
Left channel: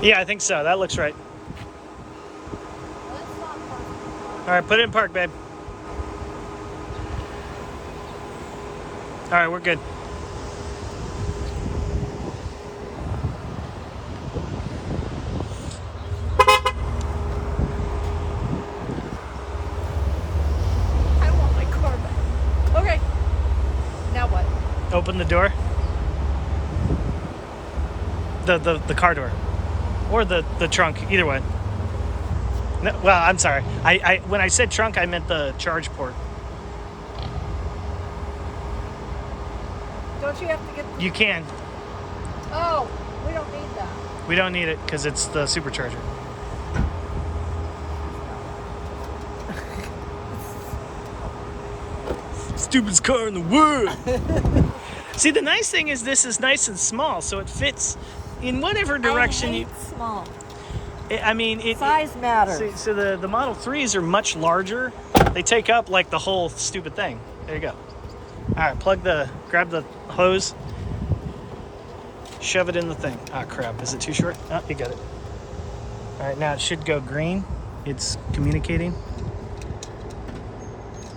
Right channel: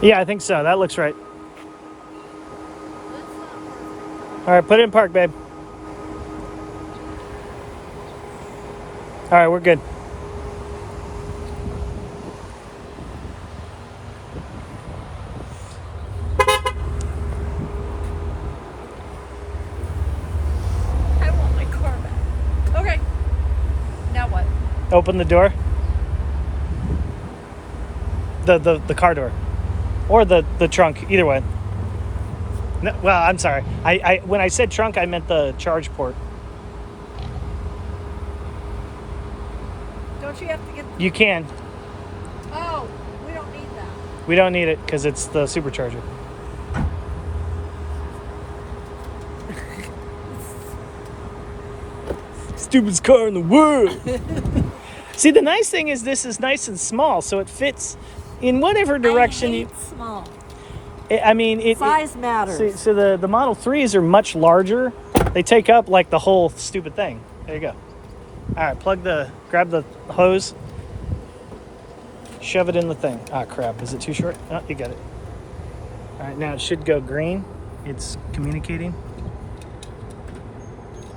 Yeah, I think so. That looks right. All right, put it in park, babe. All right, we're good. I want my car back. Okay. Now what? Open the door. The car door. Or the trunk, either way. No, well, I'm sorry. I when I said trunk, I meant the charge port. Don't you have to get the... You can. Oh, we we don't need that. We don't need it because it's the Supercharger. Stupidest car in the world. See, the nice thing is this is nice and small, so it fits in whatever direction I you. hate small. I mean, Size matters. So the Model 3s are much larger. They take up like the whole stupid thing. There you go. All right, grab the hose, shove it in the thing. Ah, crap. Is it too short? Oh, you got it. All right, now it should go green. It's communicating.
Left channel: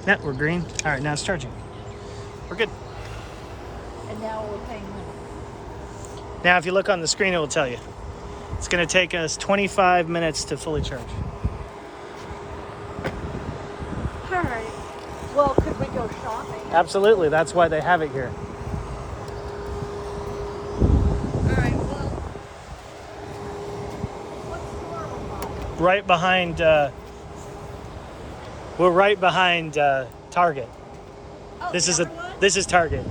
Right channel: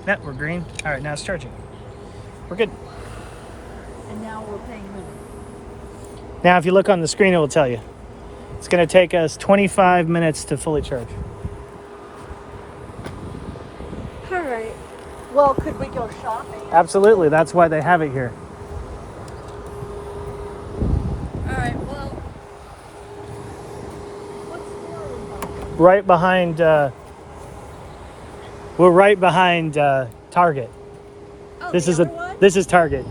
Yeah, we're green. All right, now it's charging. We're good. And now we're paying minutes. Now, if you look on the screen, it will tell you. It's going to take us 25 minutes to fully charge. All right. Well, could we go shopping? Absolutely. That's why they have it here. All right. Well, what store are we going? Right behind, we're right behind Target. Oh, This the is other one? this is Target.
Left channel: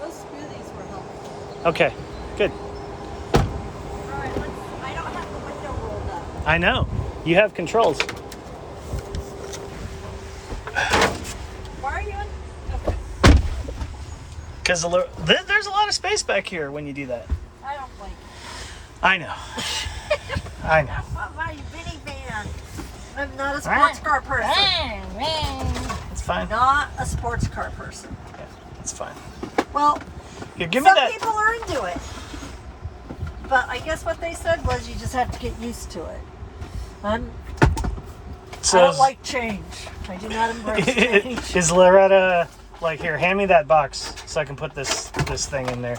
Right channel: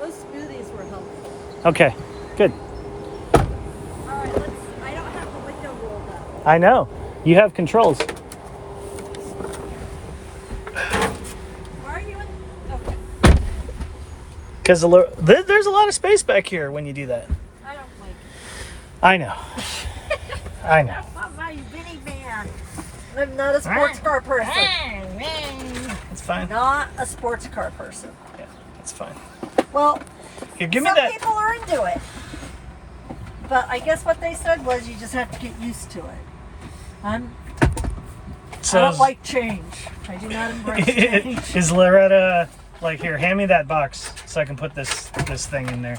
Those smoothies were helpful. Okay, good. All right. I don't have the window rolled up. I know. You have controls. Why are you in? Okay. Because there's a lot of space back here when you do that. I don't like it. I know. I know. I'm not a minivan. I'm not a sports car person. It's fine. Not a sports car person. Yeah, it's fine. Well, Here, give me some that. people are into it. But I guess what they said was you just have to get used to it. I don't like change. I do not embrace change. Is Loretta like, here, hand me that box so I can put this thing in there.